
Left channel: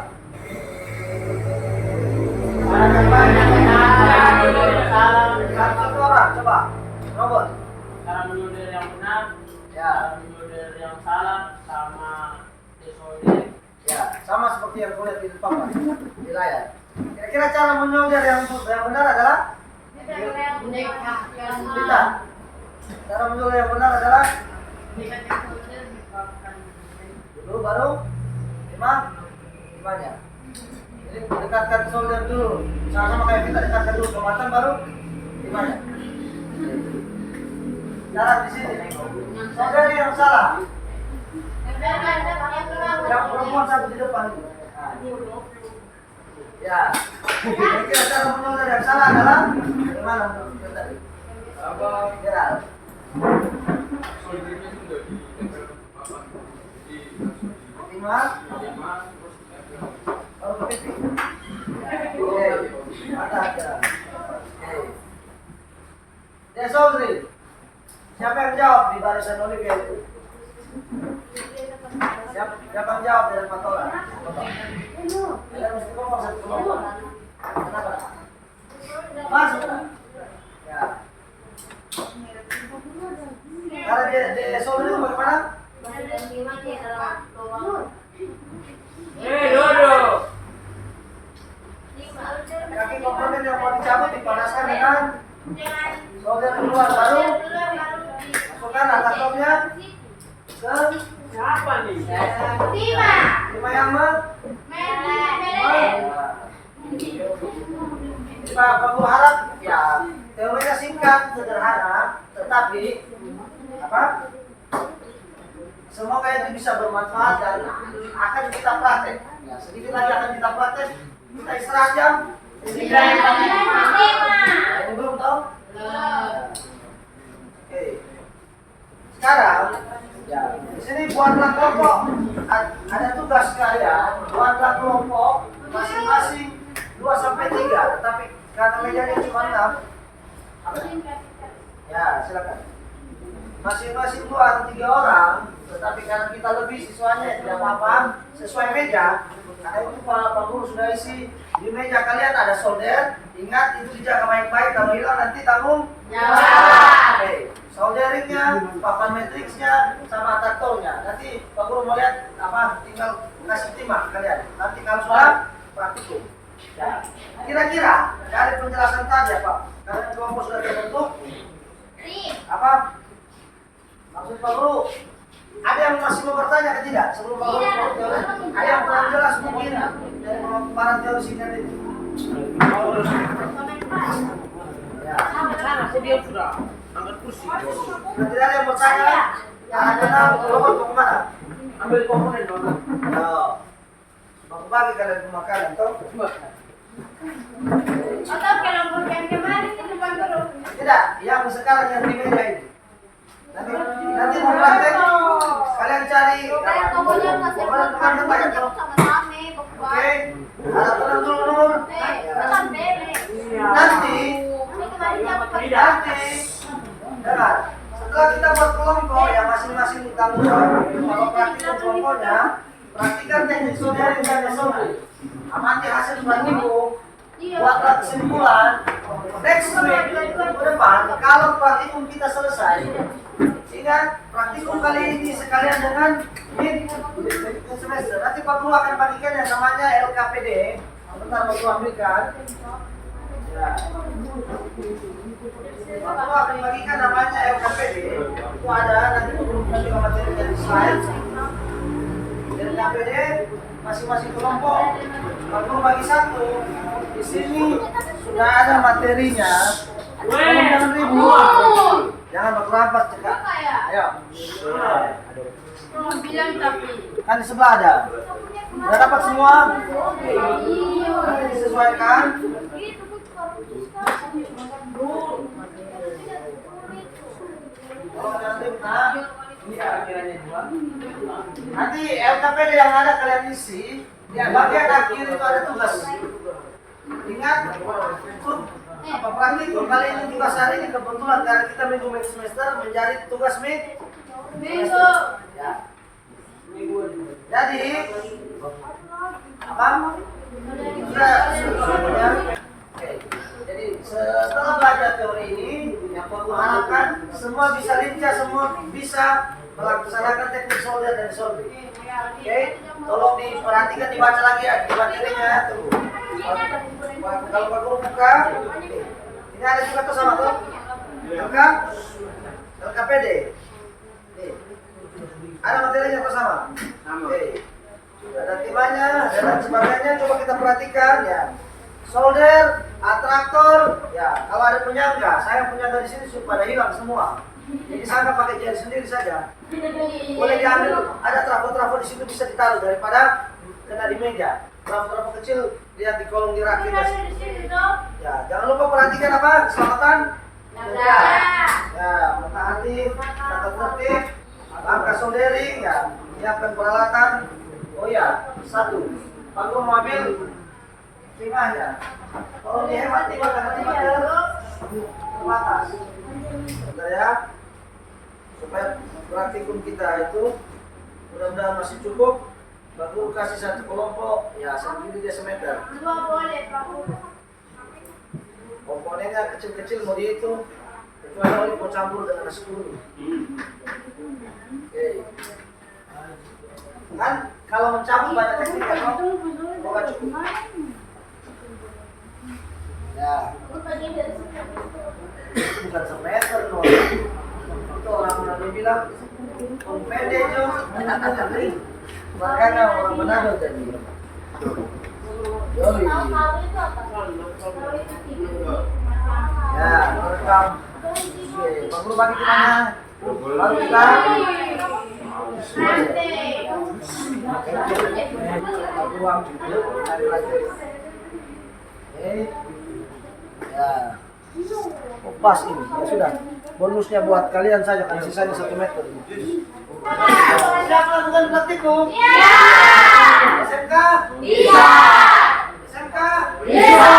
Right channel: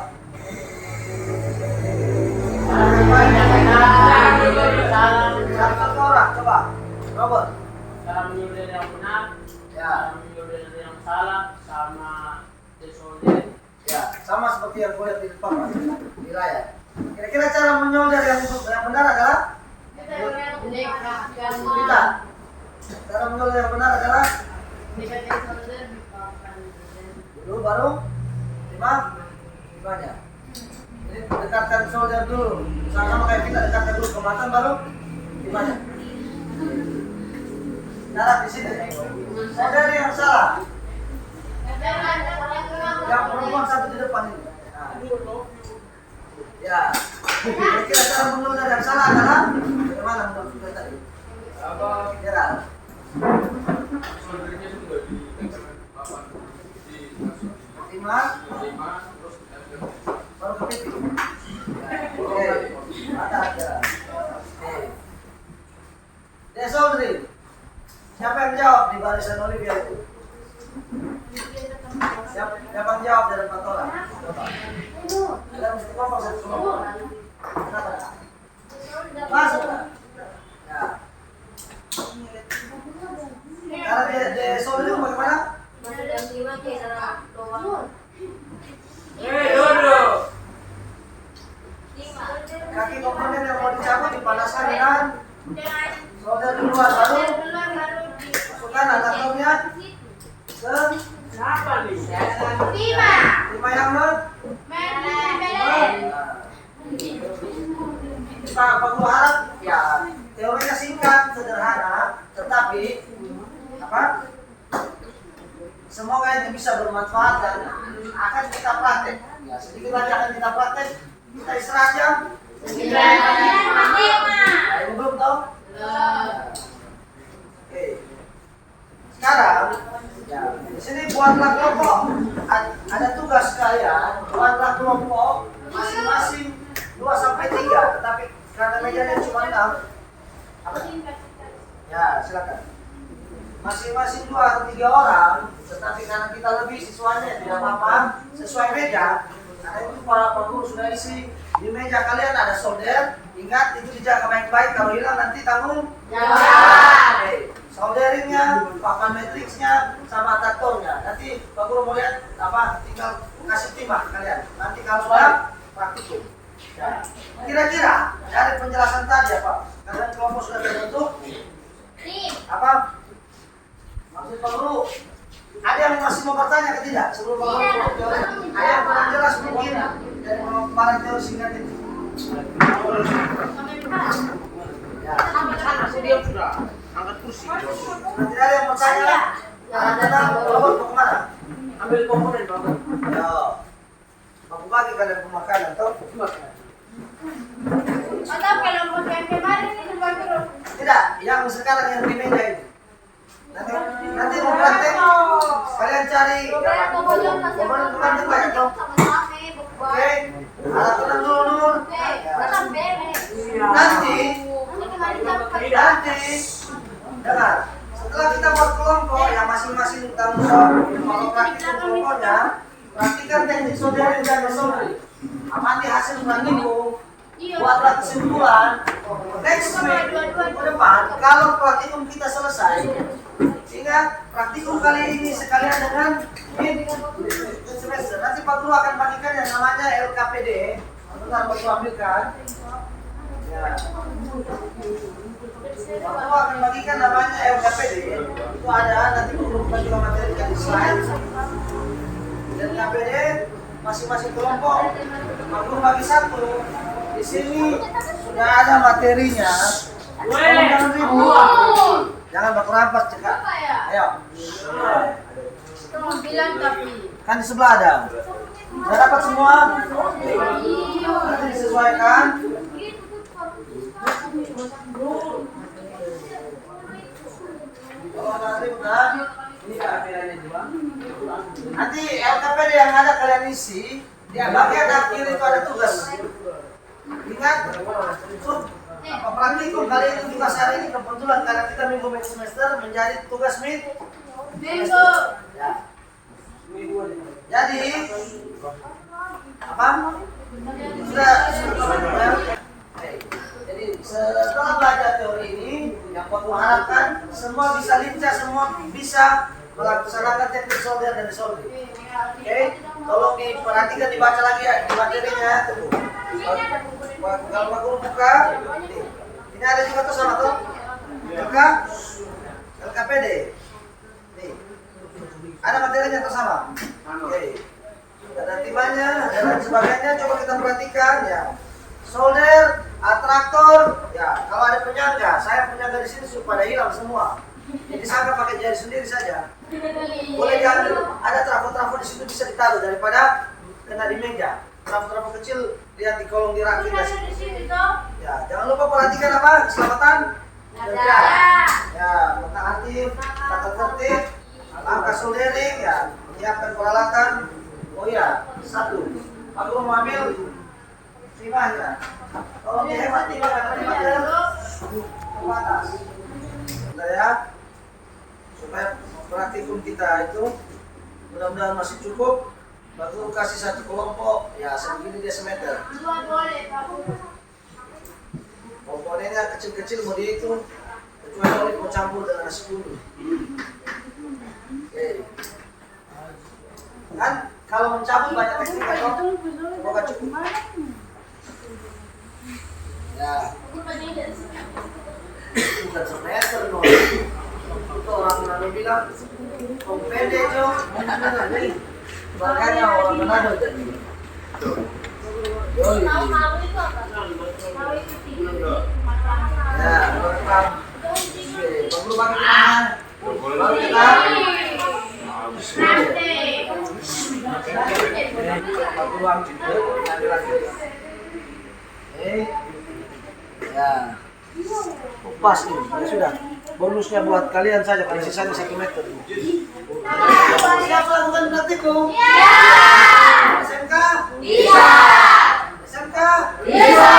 Satu orang coba. Robert. Cara menyudir yang benar, Ya. cara menyudir yang salah, sama desolder. Ya, sama seperti yang kulihat di depan Pak, di layar. Kira-kira cara menyolder yang benar adalah kita. Cara menyolder yang benar adalah dulu baru limanya. Jadi dekatkan solder dulu. Sama-sama kayak kita dekatkan dulu kematan baru limanya. Darah di sini. Solder yang salah. Yang perempuan satu di depan ini. Nah. Ya. Kira-kira cara menyolder yang salah adalah bagaimana menurut kita tadi? Kira. Soldernya itu udah ditempel papan di Lima. terus ditempel. Baru ke pipi. Oke. Ada. Oke. Dia soldering. Siapa yang jawab di barisan Olivia itu? Siapa yang jawab dari Patola? Ada mesti ngomong satu kelompok. Kenapa? Masuk kan? Ya. Cara dia soldering bagaimana? Dodo. Kaki komponen yang mau dicabut dipanaskan dengan solder duluan baru masukkan adaptornya ke Siapa nih? lima yang Pak Guru harap ya teorinya singkat sederhana tetapi apa semoga itu bisa bermanfaat dan akan kita praktek ya sedikit lagi akan kita praktek kita istirahat jam nah, ini belum tahu oke sekarang ya di sini buatlah kelompok ada tugas kalian buatlah kelompok masing-masing 2 sampai 3 tetapi karena mejanya cuma 6 apa? Ya silakan masing-masing 2 atau 3 orang tetapi karena kita lebih siswanya tidak apa-apa sesuai meja karena itu Pak Guru sudah isi di meja kalian ada solder ingat itu dijaga baik-baik kalau hilang nanti tanggung oke solderingnya papan matriksnya sama adaptornya nanti Pak Guru mau lihat apa tinggal kasih timah kalian nanti kalau sudah praktikum ya. Kira-kira dari penjelasan tadi apa kalian kelompok sudah terbentuk apa maksud Pak Guru ada yang masih mau bertanya ke tidak sebelum Pak Guru turun teori ada yang kurang jelas mungkin dari para teori singkat ini ya Aku dia sudah angkat kursi. sudah tidak ada yang mau tanya karena kita kelompok mau kemana Ambil komponen banget. ya mau bagi kalian pemakanan toh tidak yang sekarang yang di meja ini nanti mau praktek kalian cari teman-teman banyak toh oke ada teman dulu nanti dengar setelah kita buat kelompok yang masing-masing tanggung jawab kalau praktikum kelompoknya praktikan teknik soldering dan desoldering amati hasil minggu buatlah kesimpulan next week ke depan kalau praktikum kita selesai ingat praktikum kali ini sekalian dengan mid semester nanti Pak Guru akan bagikan yang namanya LKPD bentar Pak Guru ambilkan ya Pak Guru akan bagikan namanya LKPD itu ada nanti Pak Guru juga materi di slide LKPD masing-masing kelompok Pak Guru bagi satu di di sini sudah ada materinya. Tolong jangan ribut. Jangan baku rampas cekak. Ayo. Bilang tapi. Kan di sebelah ada. Sudah dapat semua? Nanti disesuaikan. Tolong jangan ribut, nah. Ini akhirnya dua. Nanti LKPD yang ada kalian isi, di bagian akhir itu ada tugas. Ingat, untuk apa praktikum kali ini tugas hari ini kebetulan karena kita minggu semester menjadi tugas Minggu. Ya. Jadi apa? Sudah ya. Oke. Jadi setelah belajar teori ini, yang aku harapkan semua bisa lincah, semua bisa melaksanakan teknik solder dan soldering. Oke, tolong diperhatikan, dibaca lagi ya di materinya. Tunggu. Kalau Pak Guru buka, ini ada juga tuh sama tuh. LKPD. Nih. Ada materinya tuh sama. Oke. Ada timbangannya, dan lain sebagainya. Coba kita perhatikan ya. Solder, atraktor, ya. Kalau ada penyangga, saya penyangga di sini supaya hilang semua. Jadi sangka pakai jari sendiri saja. Boleh diambil, ada trafo-trafo di situ bisa ditaruh daripada kena di meja. Trafo-trafo kecil lihat di kolong di rakit ya. Ya, jangan lupa perhatikan apa? Keselamatan kerja. Ya, mata aktif, tata tertib, langkah soldering ya, menyiapkan peralatan. Oh ya, satu. Pak Guru mau ambil timahnya. Kalau dihemat timah karena timahnya terbatas. Bentar ya. Supaya praktikum kita itu mudah-mudahan masih cukup. Pak Guru kasih satu kelompok ya segini desemeter. Komponennya kecil-kecil mau dihitung kecuali oli mau campur dengan nasi kuning. Oke. Kan kalau mencabut banyak teknik kan? Semoga cukup. Ya. Bukan semeter no. Itu orang bilang kompende jo. Makanya orang Manado jadi. Yoi. Ya, lengkap. Oke, Pak Guru bagi ke mana? Baru kita. Pak Guru ambil lagi. Oke. Ya. Oh, pas ini. Ya sudah. Bonusnya buat kalian saja karena sisanya 1 meter. Siap lakukan praktikum? Iya. SMK? Bisa. SMK? Bisa.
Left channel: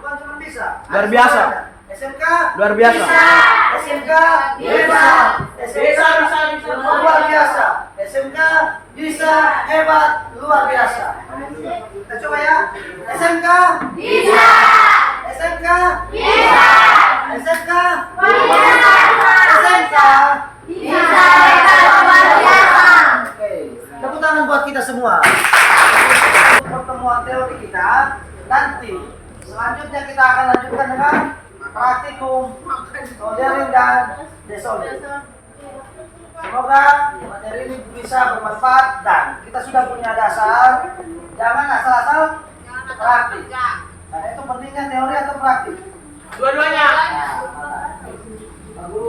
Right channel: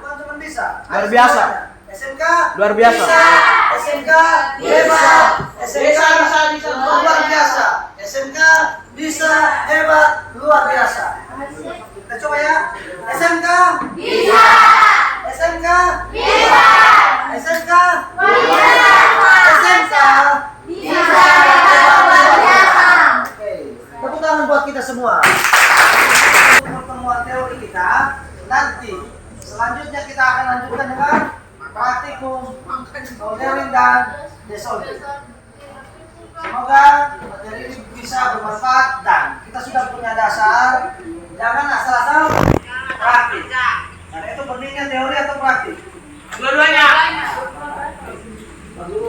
Bukan cuma bisa. Luar biasa. SMK? Luar biasa. Bisa. SMK? Bisa. SMK? Bisa. Luar biasa. SMK? Bisa. Hebat. Luar biasa. Kita coba ya. SMK? Bisa. SMK? Bisa. SMK? Bisa. SMK? Bisa. Oke, tepuk tangan buat kita semua. Pertemuan teori kita nanti selanjutnya kita akan lanjutkan dengan praktikum soldering dan desoldering. Semoga materi ini bisa bermanfaat dan kita sudah punya dasar. Jangan asal-asal praktik. Karena itu pentingnya teori atau praktik. Dua-duanya. Lalu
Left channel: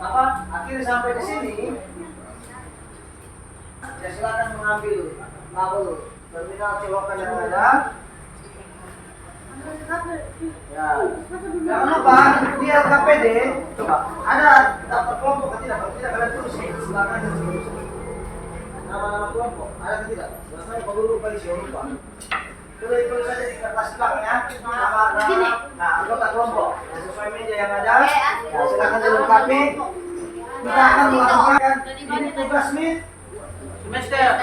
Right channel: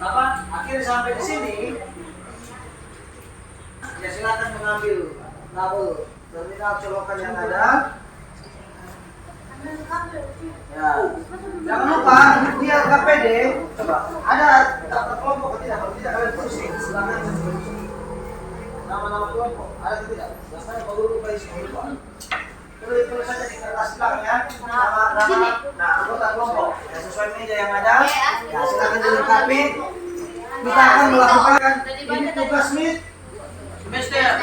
apa? Akhirnya sampai di sini. Ya silakan mengambil tabel terminal colokan yang ada. Ya. Jangan lupa di LKPD coba ada daftar kelompok atau tidak? Kalau tidak kalian tulis silakan tulis. Nama-nama kelompok ada atau tidak? Biasanya Pak Guru lupa isi lupa. Tulis saja di kertas belakangnya nama nah anggota kelompok ya, sesuai meja yang ada. Ya silakan dilengkapi. Kita akan melakukan ini tugas Semester.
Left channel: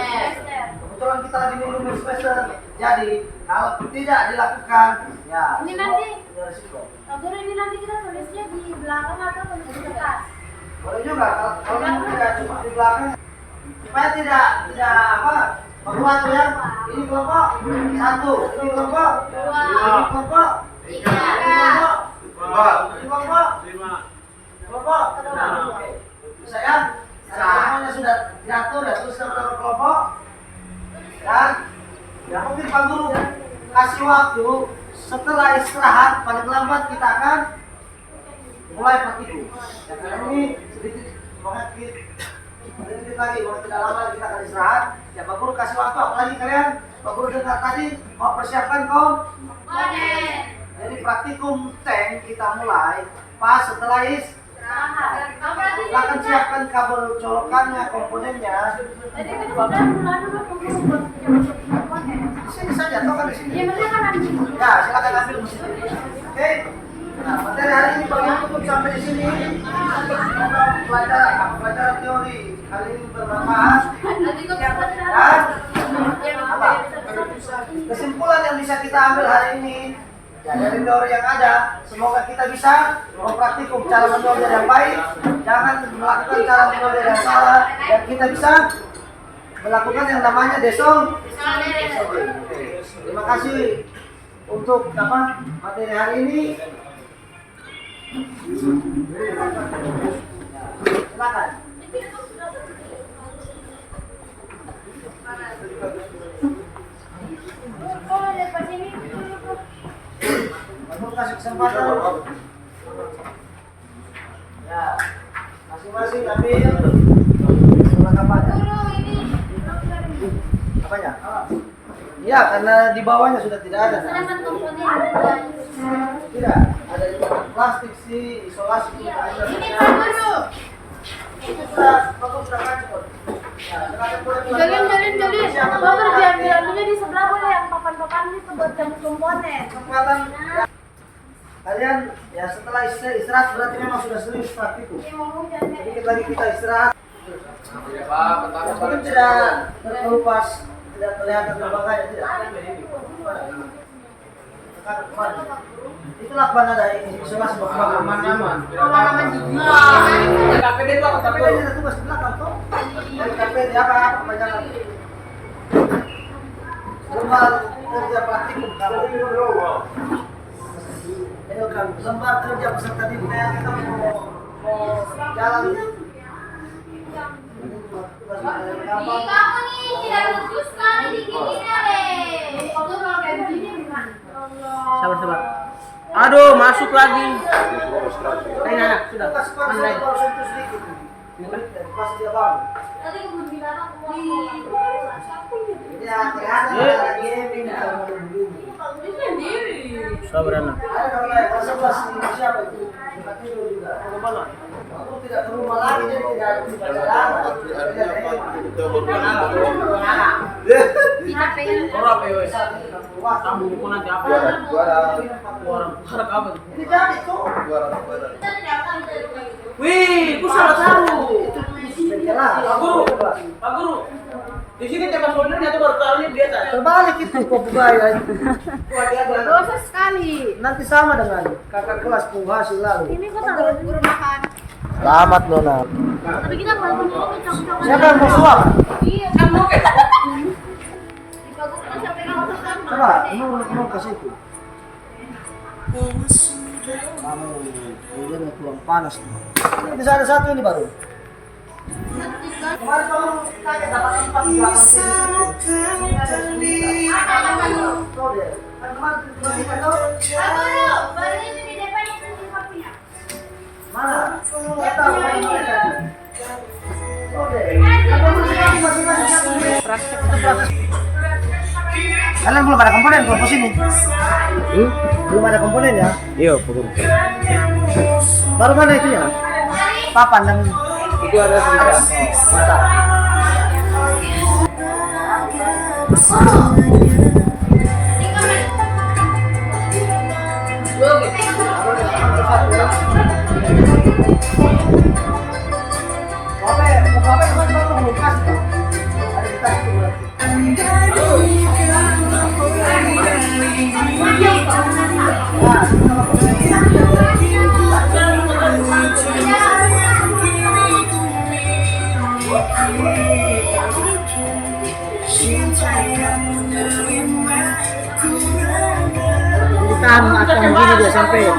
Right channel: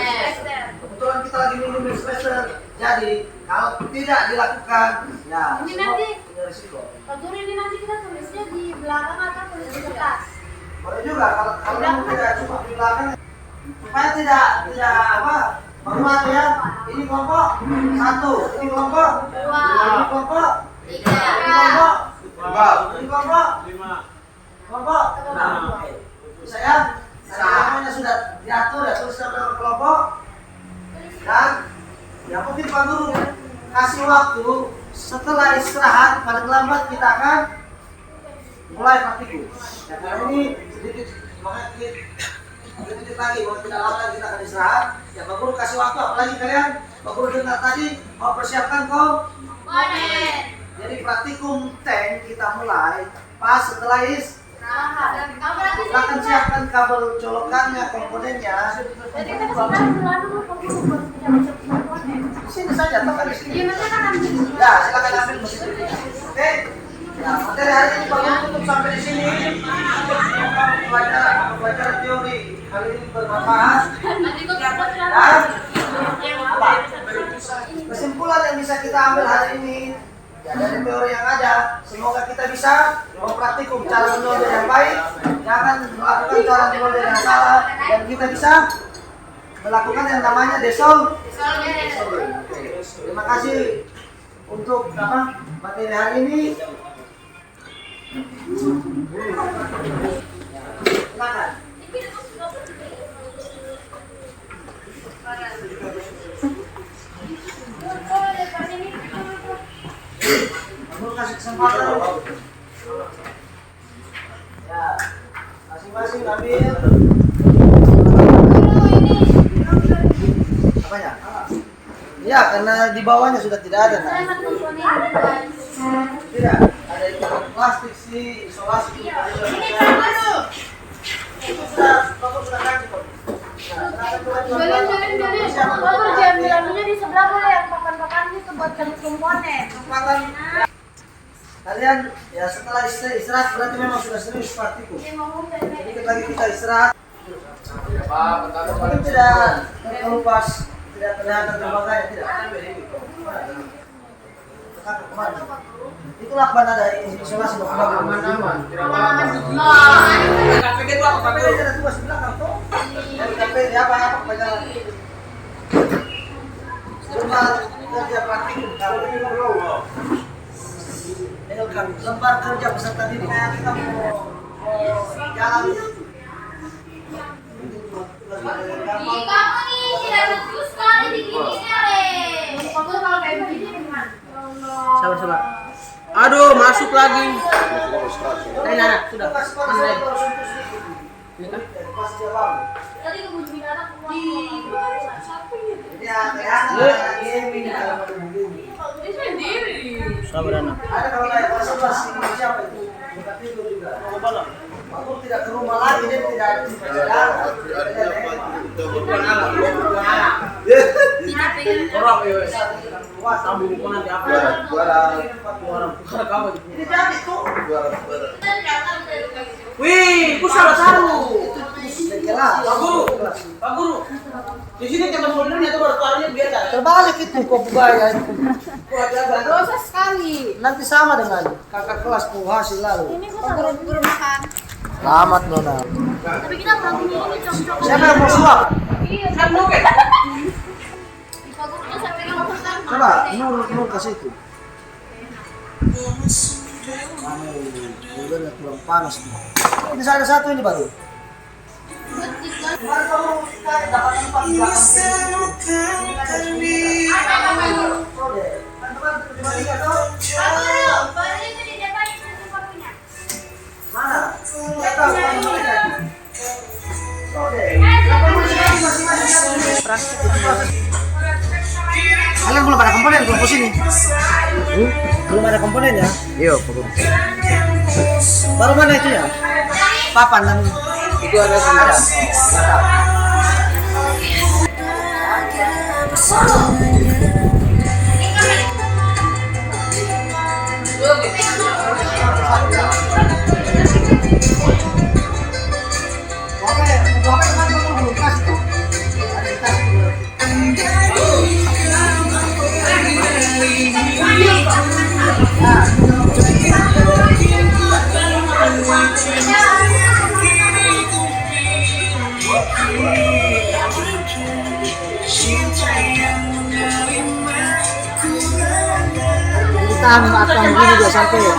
kebetulan kita lagi minggu semester. Jadi kalau tidak dilakukan, ya Ini semua nanti. punya risiko. Pak Guru, ini nanti kita tulisnya di belakang atau tulis di kertas? Boleh juga kalau memang tidak cuma di belakang supaya tidak apa menguat ya. Ini kelompok 1, ini kelompok 2, ini kelompok 3, ini kelompok 4, ini kelompok 5, kelompok 6. Oke. Bisa ya? Semuanya sudah diatur ya tulis nama kelompok dan ya mungkin Pak Guru kasih waktu setelah istirahat paling lambat kita akan mulai praktikum. Ya, karena ini sedikit sedikit lagi, kalau tidak lama lagi kita akan istirahat. Ya Pak Guru kasih waktu, apalagi kalian Pak Guru dengar tadi mau persiapkan komponen. Jadi praktikum tank kita mulai pas setelah silakan siapkan kabel colokannya, komponennya. Jadi kan sudah dulu komponen. Di sini saja, atau kan di sini? Iya, maksudnya kan ambil. Ya, silakan ambil mesin. Oke. Nah, materi hari ini baru tutup sampai di sini. Pelajaran teori kali ini bermanfaat. Dan apa? Kesimpulan yang bisa kita ambil hari ini ya, dari teori yang ada, semoga kita bisa mempraktikum cara menyolder yang baik, jangan melakukan cara menyolder yang salah, dan kita bisa melakukan yang namanya desolder. Terima kasih untuk materi hari ini. Silakan. Mau kasih kesempatan. Ya, masing-masing ambil. Apanya? Iya, karena di bawahnya sudah tidak ada. Selamat komponen. Tidak, ada itu plastik sih, isolasi. Ini Pak Guru. Itu sudah kasih kok. Jalin. Bapak diambil di sebelah boleh yang papan-papan itu buat jam komponen. Kesempatan kalian ya setelah istirahat berarti memang sudah serius praktikum. Sedikit lagi kita istirahat. Mungkin tidak terkelupas, tidak kelihatan terbanganya, tidak. Itulah mana ada isolasi bapak. Aman-aman. KPD itu apa? KPD ada tugas di belakang tuh. KPD apa? Pelajaran. Jurnal kerja praktikum. Lembar kerja peserta didik kita mau jalan. Kamu nih tidak lucu sekali di giginya deh. Kamu kalau kayak begini gimana? Sabar. Aduh, masuk lagi. Nah, sudah. Mana lagi? Ini kan pas dia bangun. Tadi kebun binatang Ya, kelihatan ada gaming kalau mau begini. Sabar anak. Ada kalau naik kelas 11 ini siapa itu? Tempat tidur juga. Aku tidak ke rumah lagi, jadi tidak ada tidak pengen. Korok ya wes. Sambung pun nanti apa? Apa? Ini jadi tuh. Wih, ku salah tahu. Bengkelah. Pak Guru. Di sini tempat soldernya itu baru taruhnya biasa. Terbalik itu kok budaya itu. Dosa sekali. Nanti sama dengan kakak kelas hasil lalu. Ini kok taruh guru makan. Selamat Nona. Tapi kita ngomongnya ini cocok. Siapa yang mau suap? Iya. Kan lu kan? Pak Guru sampai kamu pesan. Coba, Nur kasih itu. Mana udaranya kurang panas. Ini ada satu ini baru. Kemarin kamu dapat 4 Praktik. Kalian belum ada komponen kelompok sini? Belum ada komponen ya? Iya, Baru mana itu ya? Papan yang itu ada sebentar. Bapak kan belum kasih tuh. Ada di tas itu berarti. Tahan akan begini dia sampai ya.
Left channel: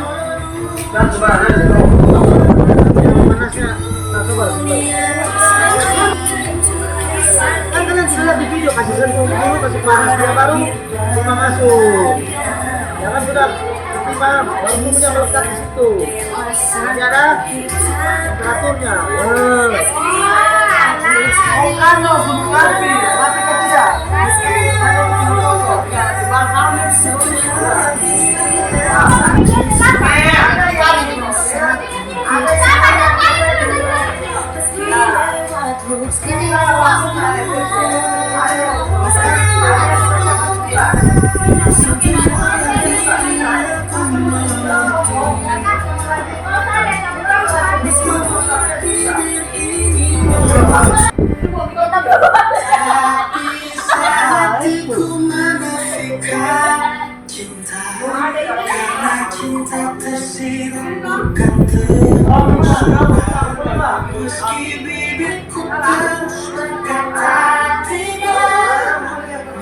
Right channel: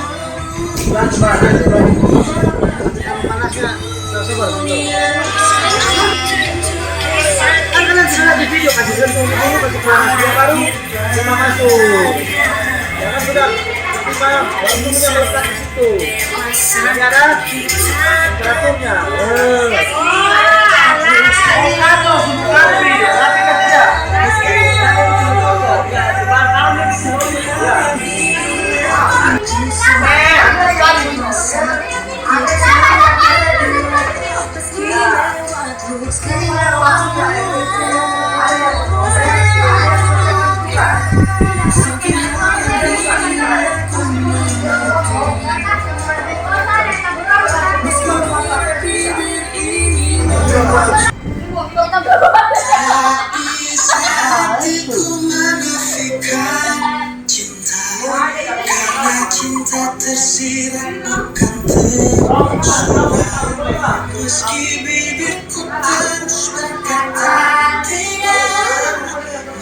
Yang manasnya tak sabar. Kan kalian sudah di video, kasih sentuh dulu, kasih keluar dia baru cuma masuk. Ya kan sudah baru bumbunya melekat di situ. Nanti ada temperaturnya. Rapi kan tidak? Cinta tersirat bukan terus meski bibirku terus berkata tidak,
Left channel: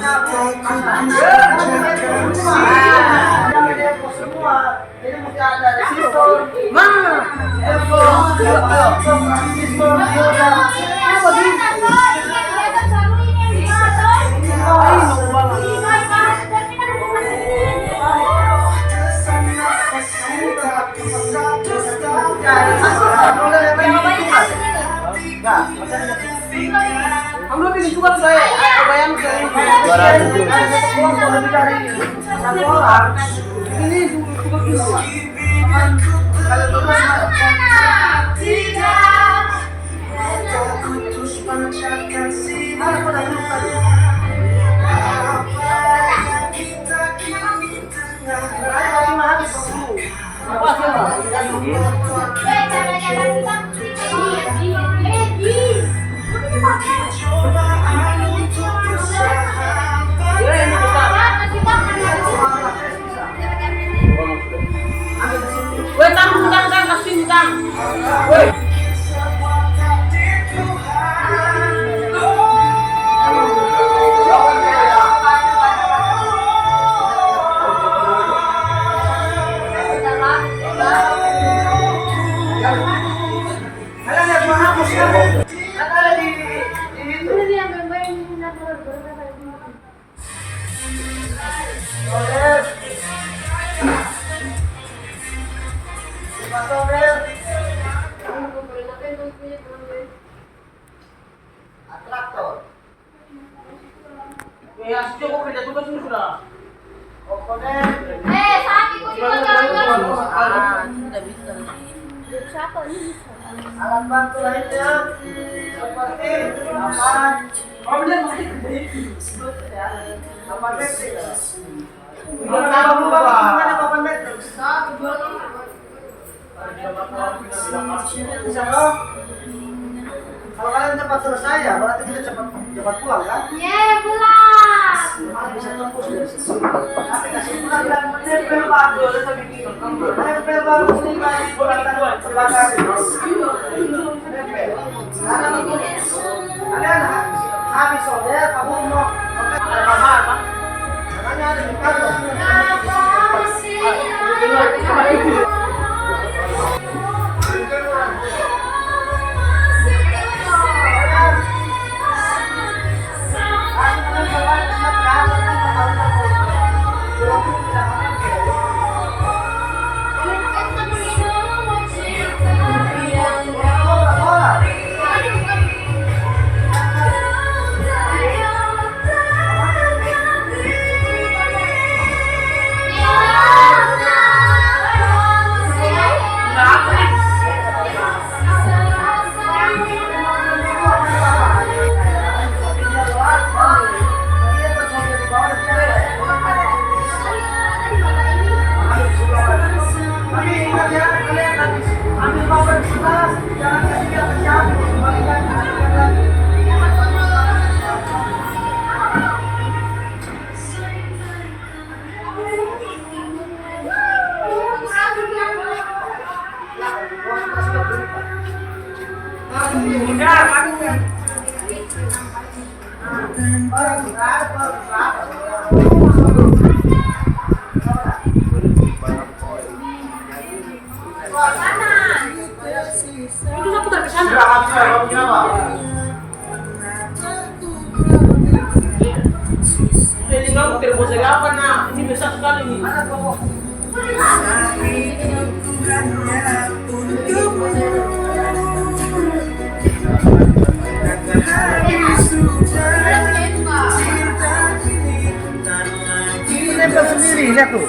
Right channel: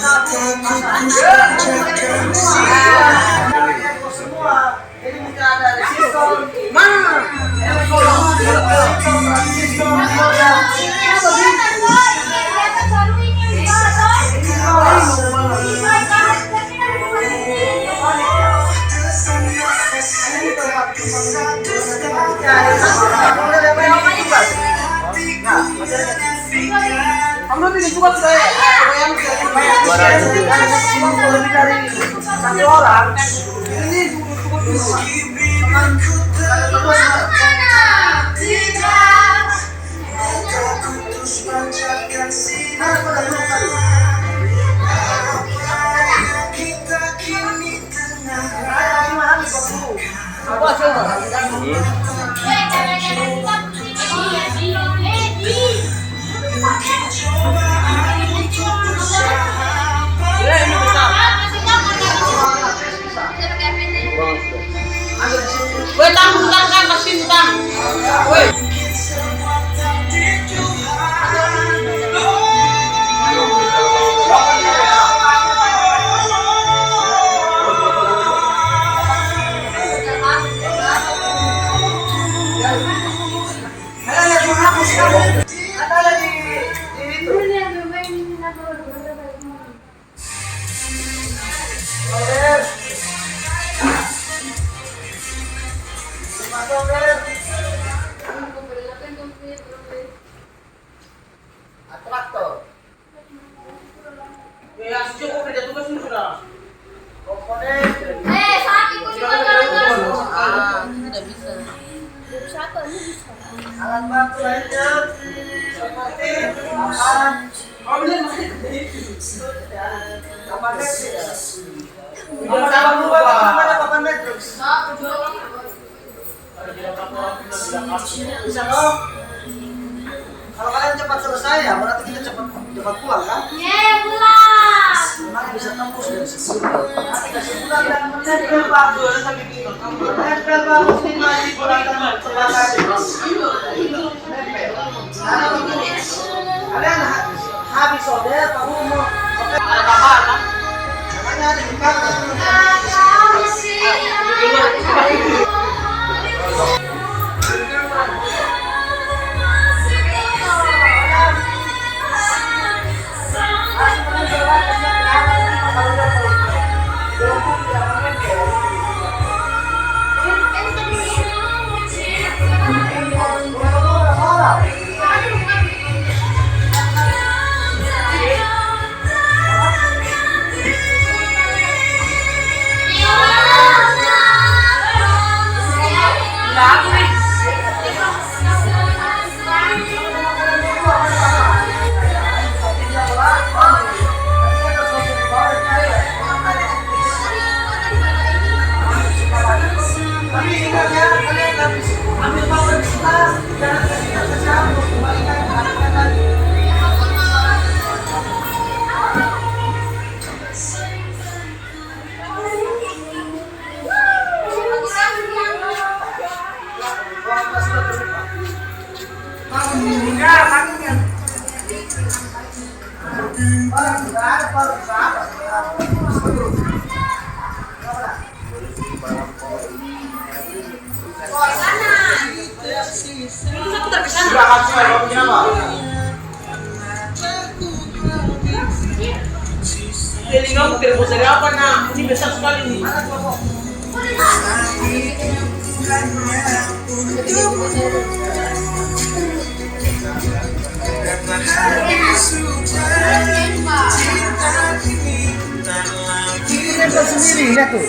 mataku terus pancarkan Semua ini mesti ada resistor. Mana? Kamu bikin juga saya. Bayang Lebih dari satu orang. ini cukup dulu. Kalau terus mataku terus pancarkan sinar kita kini tengah Apa coba? Ini besar. Woi, tanggung kasih utang. Woi. Atraktor. Ya, cukup kerja tugas ini sudah. Komponen. Alat bantu lainnya seperti papan. Oh, benar masih. Papan metrik. Papan metrik. Bisa dong? Kalau kalian cepat selesai ya, berarti kita cepat pulang kan? Memang bisa tembus dari situ. Nanti kasih pulang dan menempel baru. Menempel baru sini di bulatan sebagai kalian habis order, kamu mau Ada tambahan, kan? namanya ada di kantor. Tapi ingat ya, kalian harus ambil papan di sebelah, jangan kasihkan ke siapa, kembalikan lagi. Sudah habis, kamu bikin apa? besar sekali nih. Mana kelompok? Nempel sendiri, lihat tuh.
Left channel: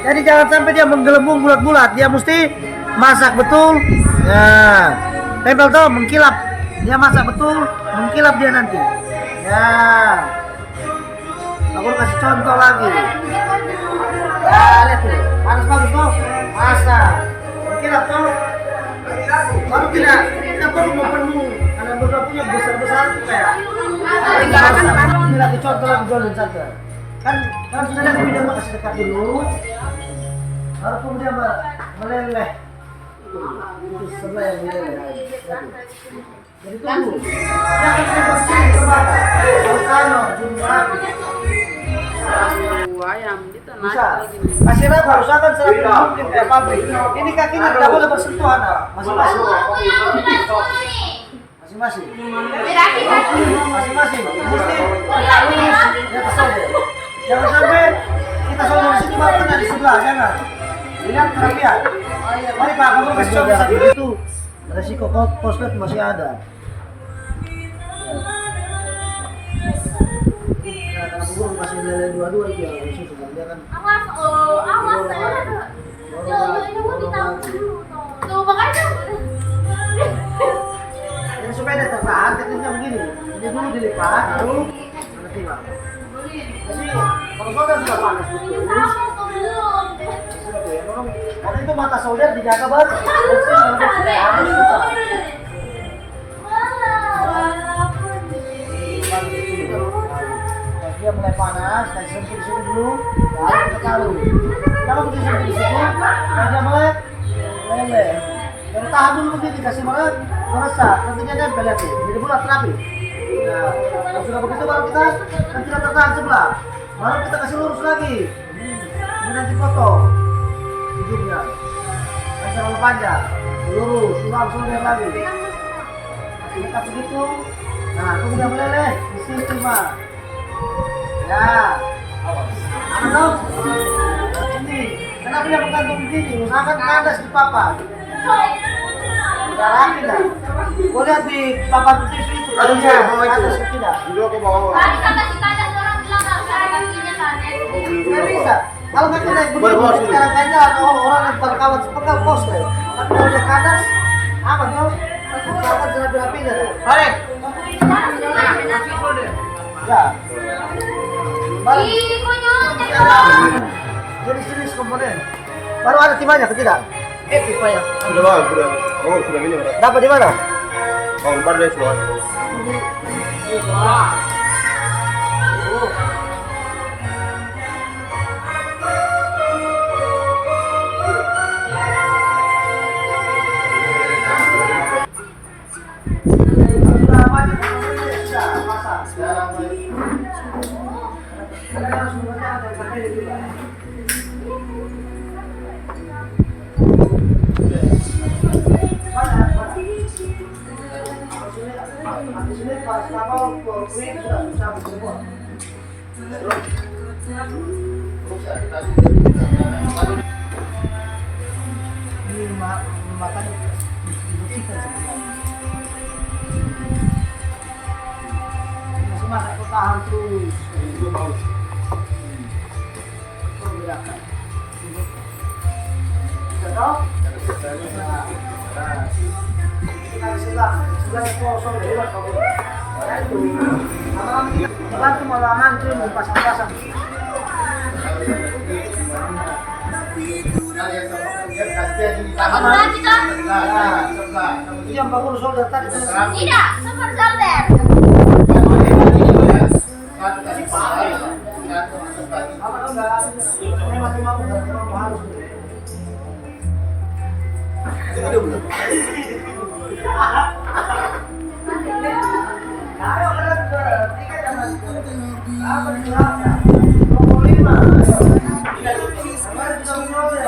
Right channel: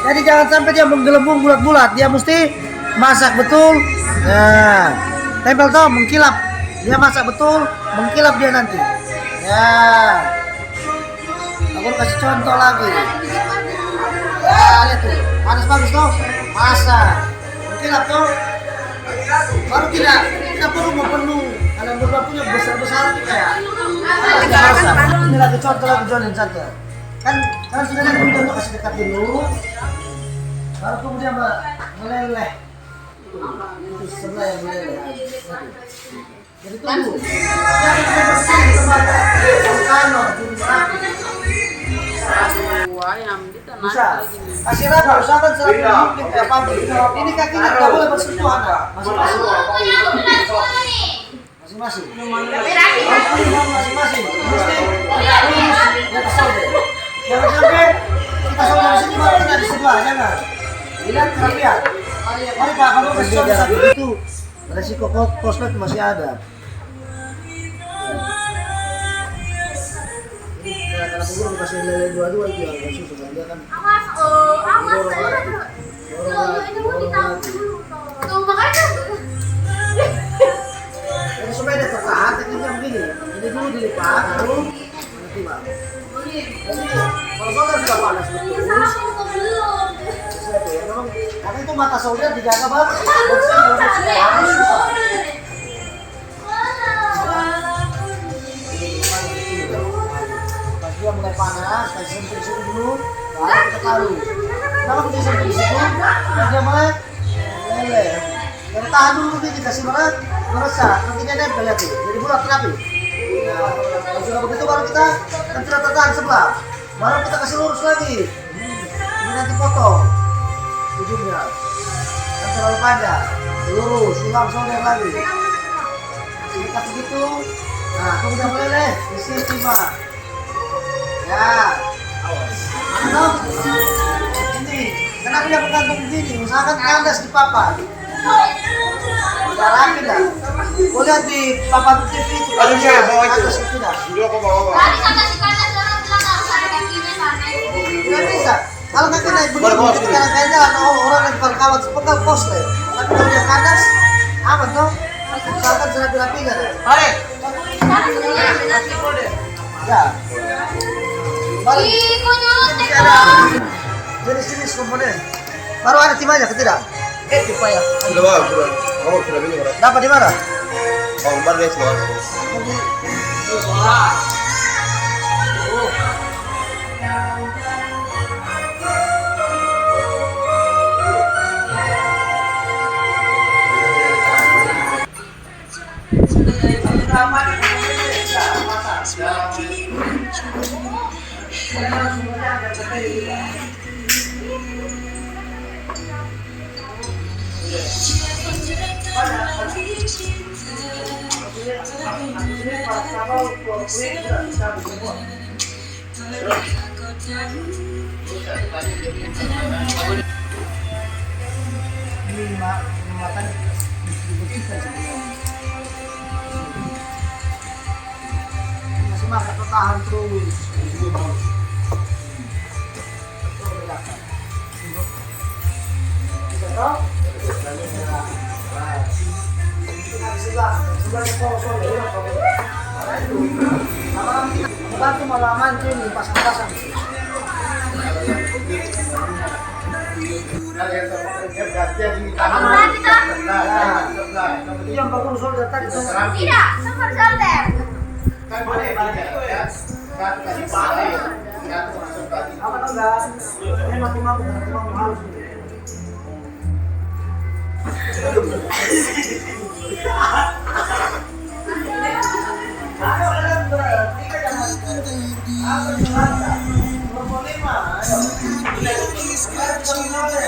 Jadi jangan sampai dia menggelembung bulat-bulat, dia mesti masak betul. Nah, tempel tuh mengkilap. Dia masak betul, mengkilap dia nanti. Ya. Aku kasih contoh lagi. Ya, lihat tuh. Panas bagus tuh. Masak. Mengkilap tuh. Baru tidak perlu mau penuh. Kalian berdua punya besar-besar itu kayak. Ini lagi contoh lagi Jolin satu. Kan sudah lihat video tuh, kasih dekat dulu. Baru kemudian meleleh. Itu sebelah yang meleleh. Jadi tunggu. Jangan bersih terbakar. Kalau Aduh, ayam di tanah bisa. lagi nih. Kasih raba, usahakan serapi mungkin kayak pabrik. Ini kakinya tidak boleh bersentuhan, masing-masing. Masing-masing. Masing-masing. Mesti tegak lurus di atas solder. Jangan sampai kita solder di sini baru kena di sebelah, jangan. Lihat kerapian. Mari Pak, kamu kasih contoh seperti itu. Resiko prospek masih ada. Ya, karena burung kasih lele dua-dua itu yang susu kan dia kan. Awas, ini mau ditaruh dulu. Tuh makanya. Ini supaya dia tertahan, tekniknya begini. Ini dulu dilipat, lalu mana tiba. Jadi kalau solder sudah panas betul. Ya, memang karena itu mata solder dijaga banget. Bersih kalau bersih harus susah. Pas dia mulai panas, kasih sentuh di situ dulu, baru kita taruh. Kenapa kita sentuh di situ? Pas dia mulai lele. Dan tahan dulu begini, kasih meresap. Nanti dia nempel ya tuh, jadi bulat rapi. Nah, kalau sudah begitu baru kita kan sudah tertahan sebelah. Baru kita kasih lurus lagi. Ini nanti potong ujungnya. Kan terlalu panjang. Lurus, ulang solder lagi. Dekat segitu. Nah, kemudian meleleh. Di sini terima. Ya, awas. Mana dong? Ini. Kenapa dia bergantung begini? Usahakan kandas di papan. Udah rapi dah. Kau lihat di papan TV itu kalau dia kandas itu tidak. Tadi kata si kata orang bilang nggak usah ada kakinya sana. Tidak bisa. Kalau kaki naik begini, jadi sekarang kayaknya orang lempar kawan sepenggal pos deh. Tapi kalau dia kandas, aman tuh. Usahakan serapi-rapi kan. Mari. Sana sudah mulai benar. Ya. Balik. Ih, kok nyontek dong. Jenis-jenis komponen. Baru ada timahnya ke tidak? Pipa ya. Sudah bang, sudah. Oh, sudah minum berat. Dapat di mana? Oh, baru deh semua. Ini makan dibersihkan sebenarnya. Masih makan tahan terus. Bedakan. Bisa toh? Nah, kita di sebelah sol dari luar kamu. Bantu malah mantu ini pasang-pasang. Berarti toh? Itu yang bangun solder tadi. Tidak, super solder. Apa tau enggak? Hemat timamu halus. Ayo kalian bertiga jangan. Apa dijelaskan? 25. Ayo. Kalian bisa menolak.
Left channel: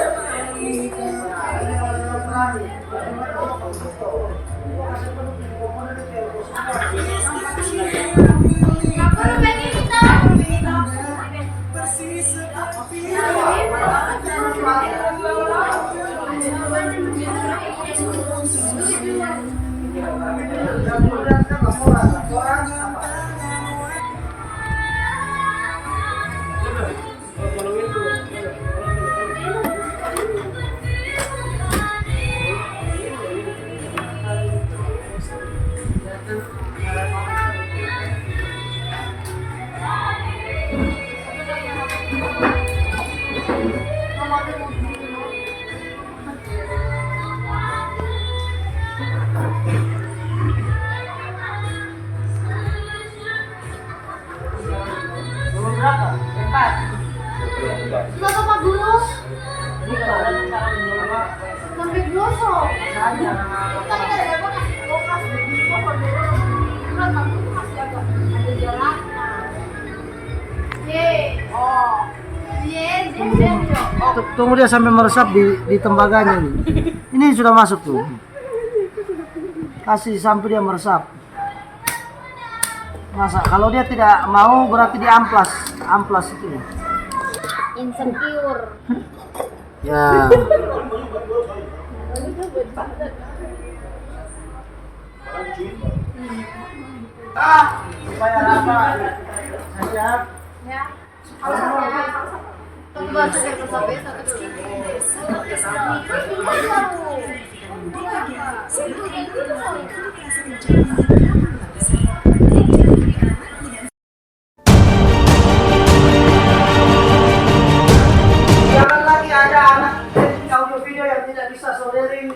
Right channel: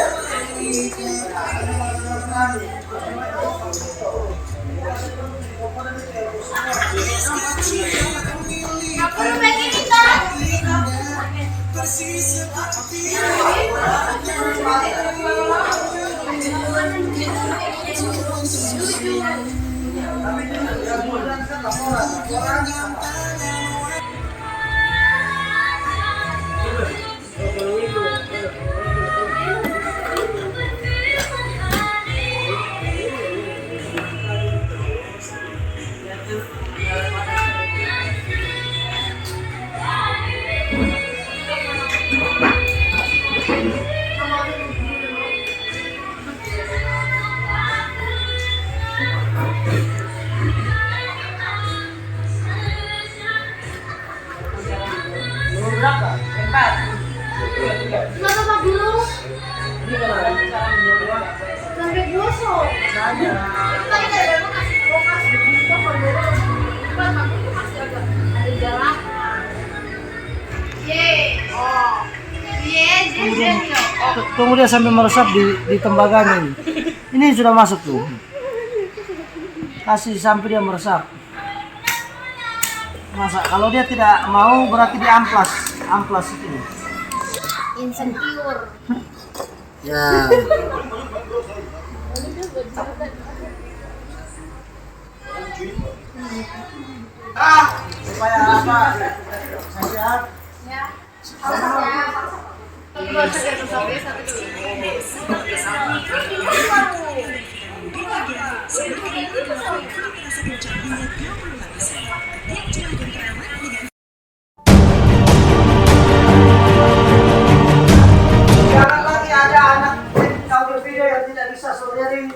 Kamu begini toh? kasih seperti Tapi yang kemudian kan laporan apa? Nomor berapa? 4. Masa Pak Guru? Ini kan Sampai doso. Tadi ada Bapak kasih lokasi kita Pak Guru. Cuma Pak Guru masih agak ada jalannya. Oh. Tunggu dia sampai meresap di tembaganya ini. Ini sudah masuk tuh. Kasih sampai dia meresap. Masa kalau dia tidak mau berarti di amplas itu ya. Insecure. Ya. Supaya apa? Saya Ya. Harusnya. Tunggu saja sampai satu dulu. jangan lagi ada anak audio video yang tidak bisa saudari.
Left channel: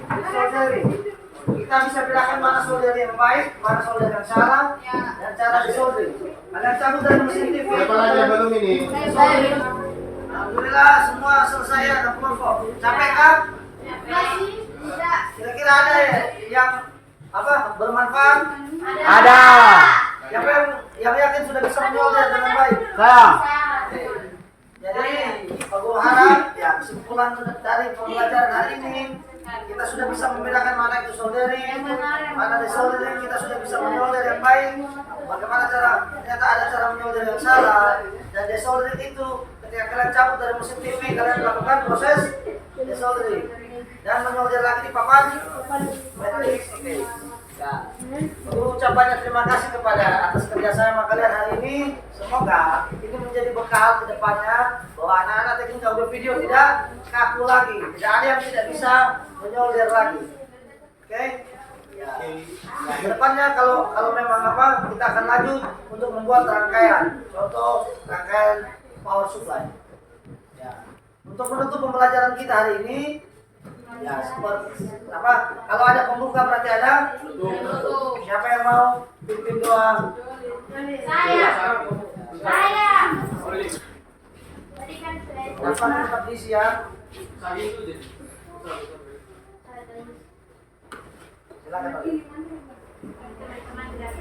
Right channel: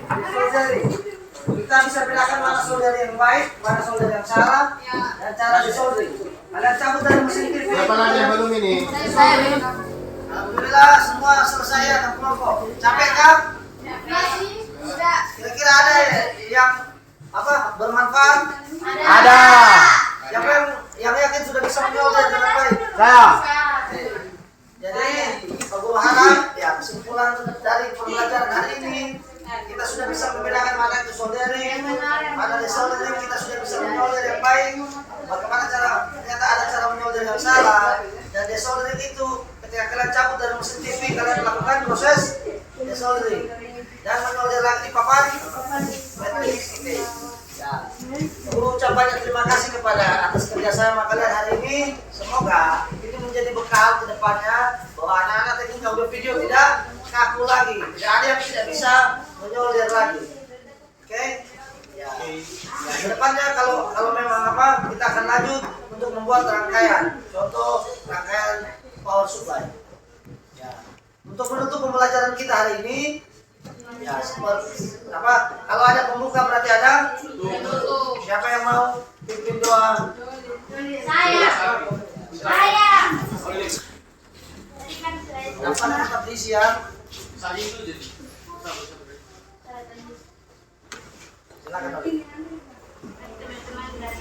Kita bisa bedakan mana saudari yang baik, mana saudari yang salah, dan cara disaudari. Kalian cabut dari mesin TV. Berapa lagi yang belum ini? Alhamdulillah semua selesai ya dan kelompok. Capek kan? Masih tidak. Kira-kira ada ya yang apa bermanfaat? Ada. Yang yakin sudah bisa menyolder dengan baik. Saya. Jadi Pak Guru harap ya kesimpulan dari pembelajaran hari ini kita sudah bisa membedakan mana itu soldering, mana desoldering, kita sudah bisa menyolder yang baik. Bagaimana ternyata ada cara menyolder yang salah dan desoldering itu ketika kalian cabut dari mesin TV kalian melakukan proses desoldering dan menyolder lagi di papan matriks TV. Ya, Guru ucap banyak terima kasih kepada atas kerjasama kalian hari ini. Semoga itu menjadi bekal ke depannya bahwa anak-anak teknik audio video tidak kaku lagi, tidak ada yang tidak bisa menyolder lagi. Oke? Ya. Ya, ke depannya kalau memang apa kita akan lanjut untuk membuat rangkaian, contoh rangkaian power supply. Ya. Untuk menutup pembelajaran kita hari ini. Ya, seperti apa? Kalau ada pembuka berarti ada. Siapa yang mau pimpin doa? Saya. Dapat tetap diisi ya. Silakan Pak. Teman-teman dari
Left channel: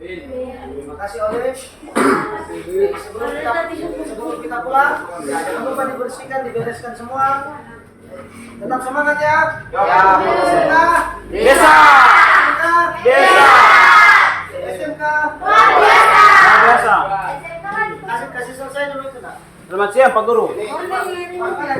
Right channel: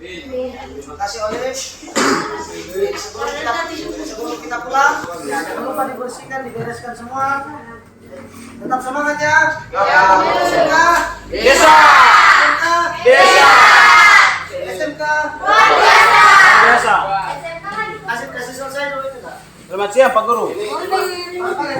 Terima kasih Olive. Sebelum kita pulang, ya, jangan lupa dibersihkan, dibereskan semua. Tetap semangat ya. SMK. Desa. SMK. Desa. SMK. Biasa. Kasih selesai dulu itu nak. Selamat siang Pak Guru. Apa ya?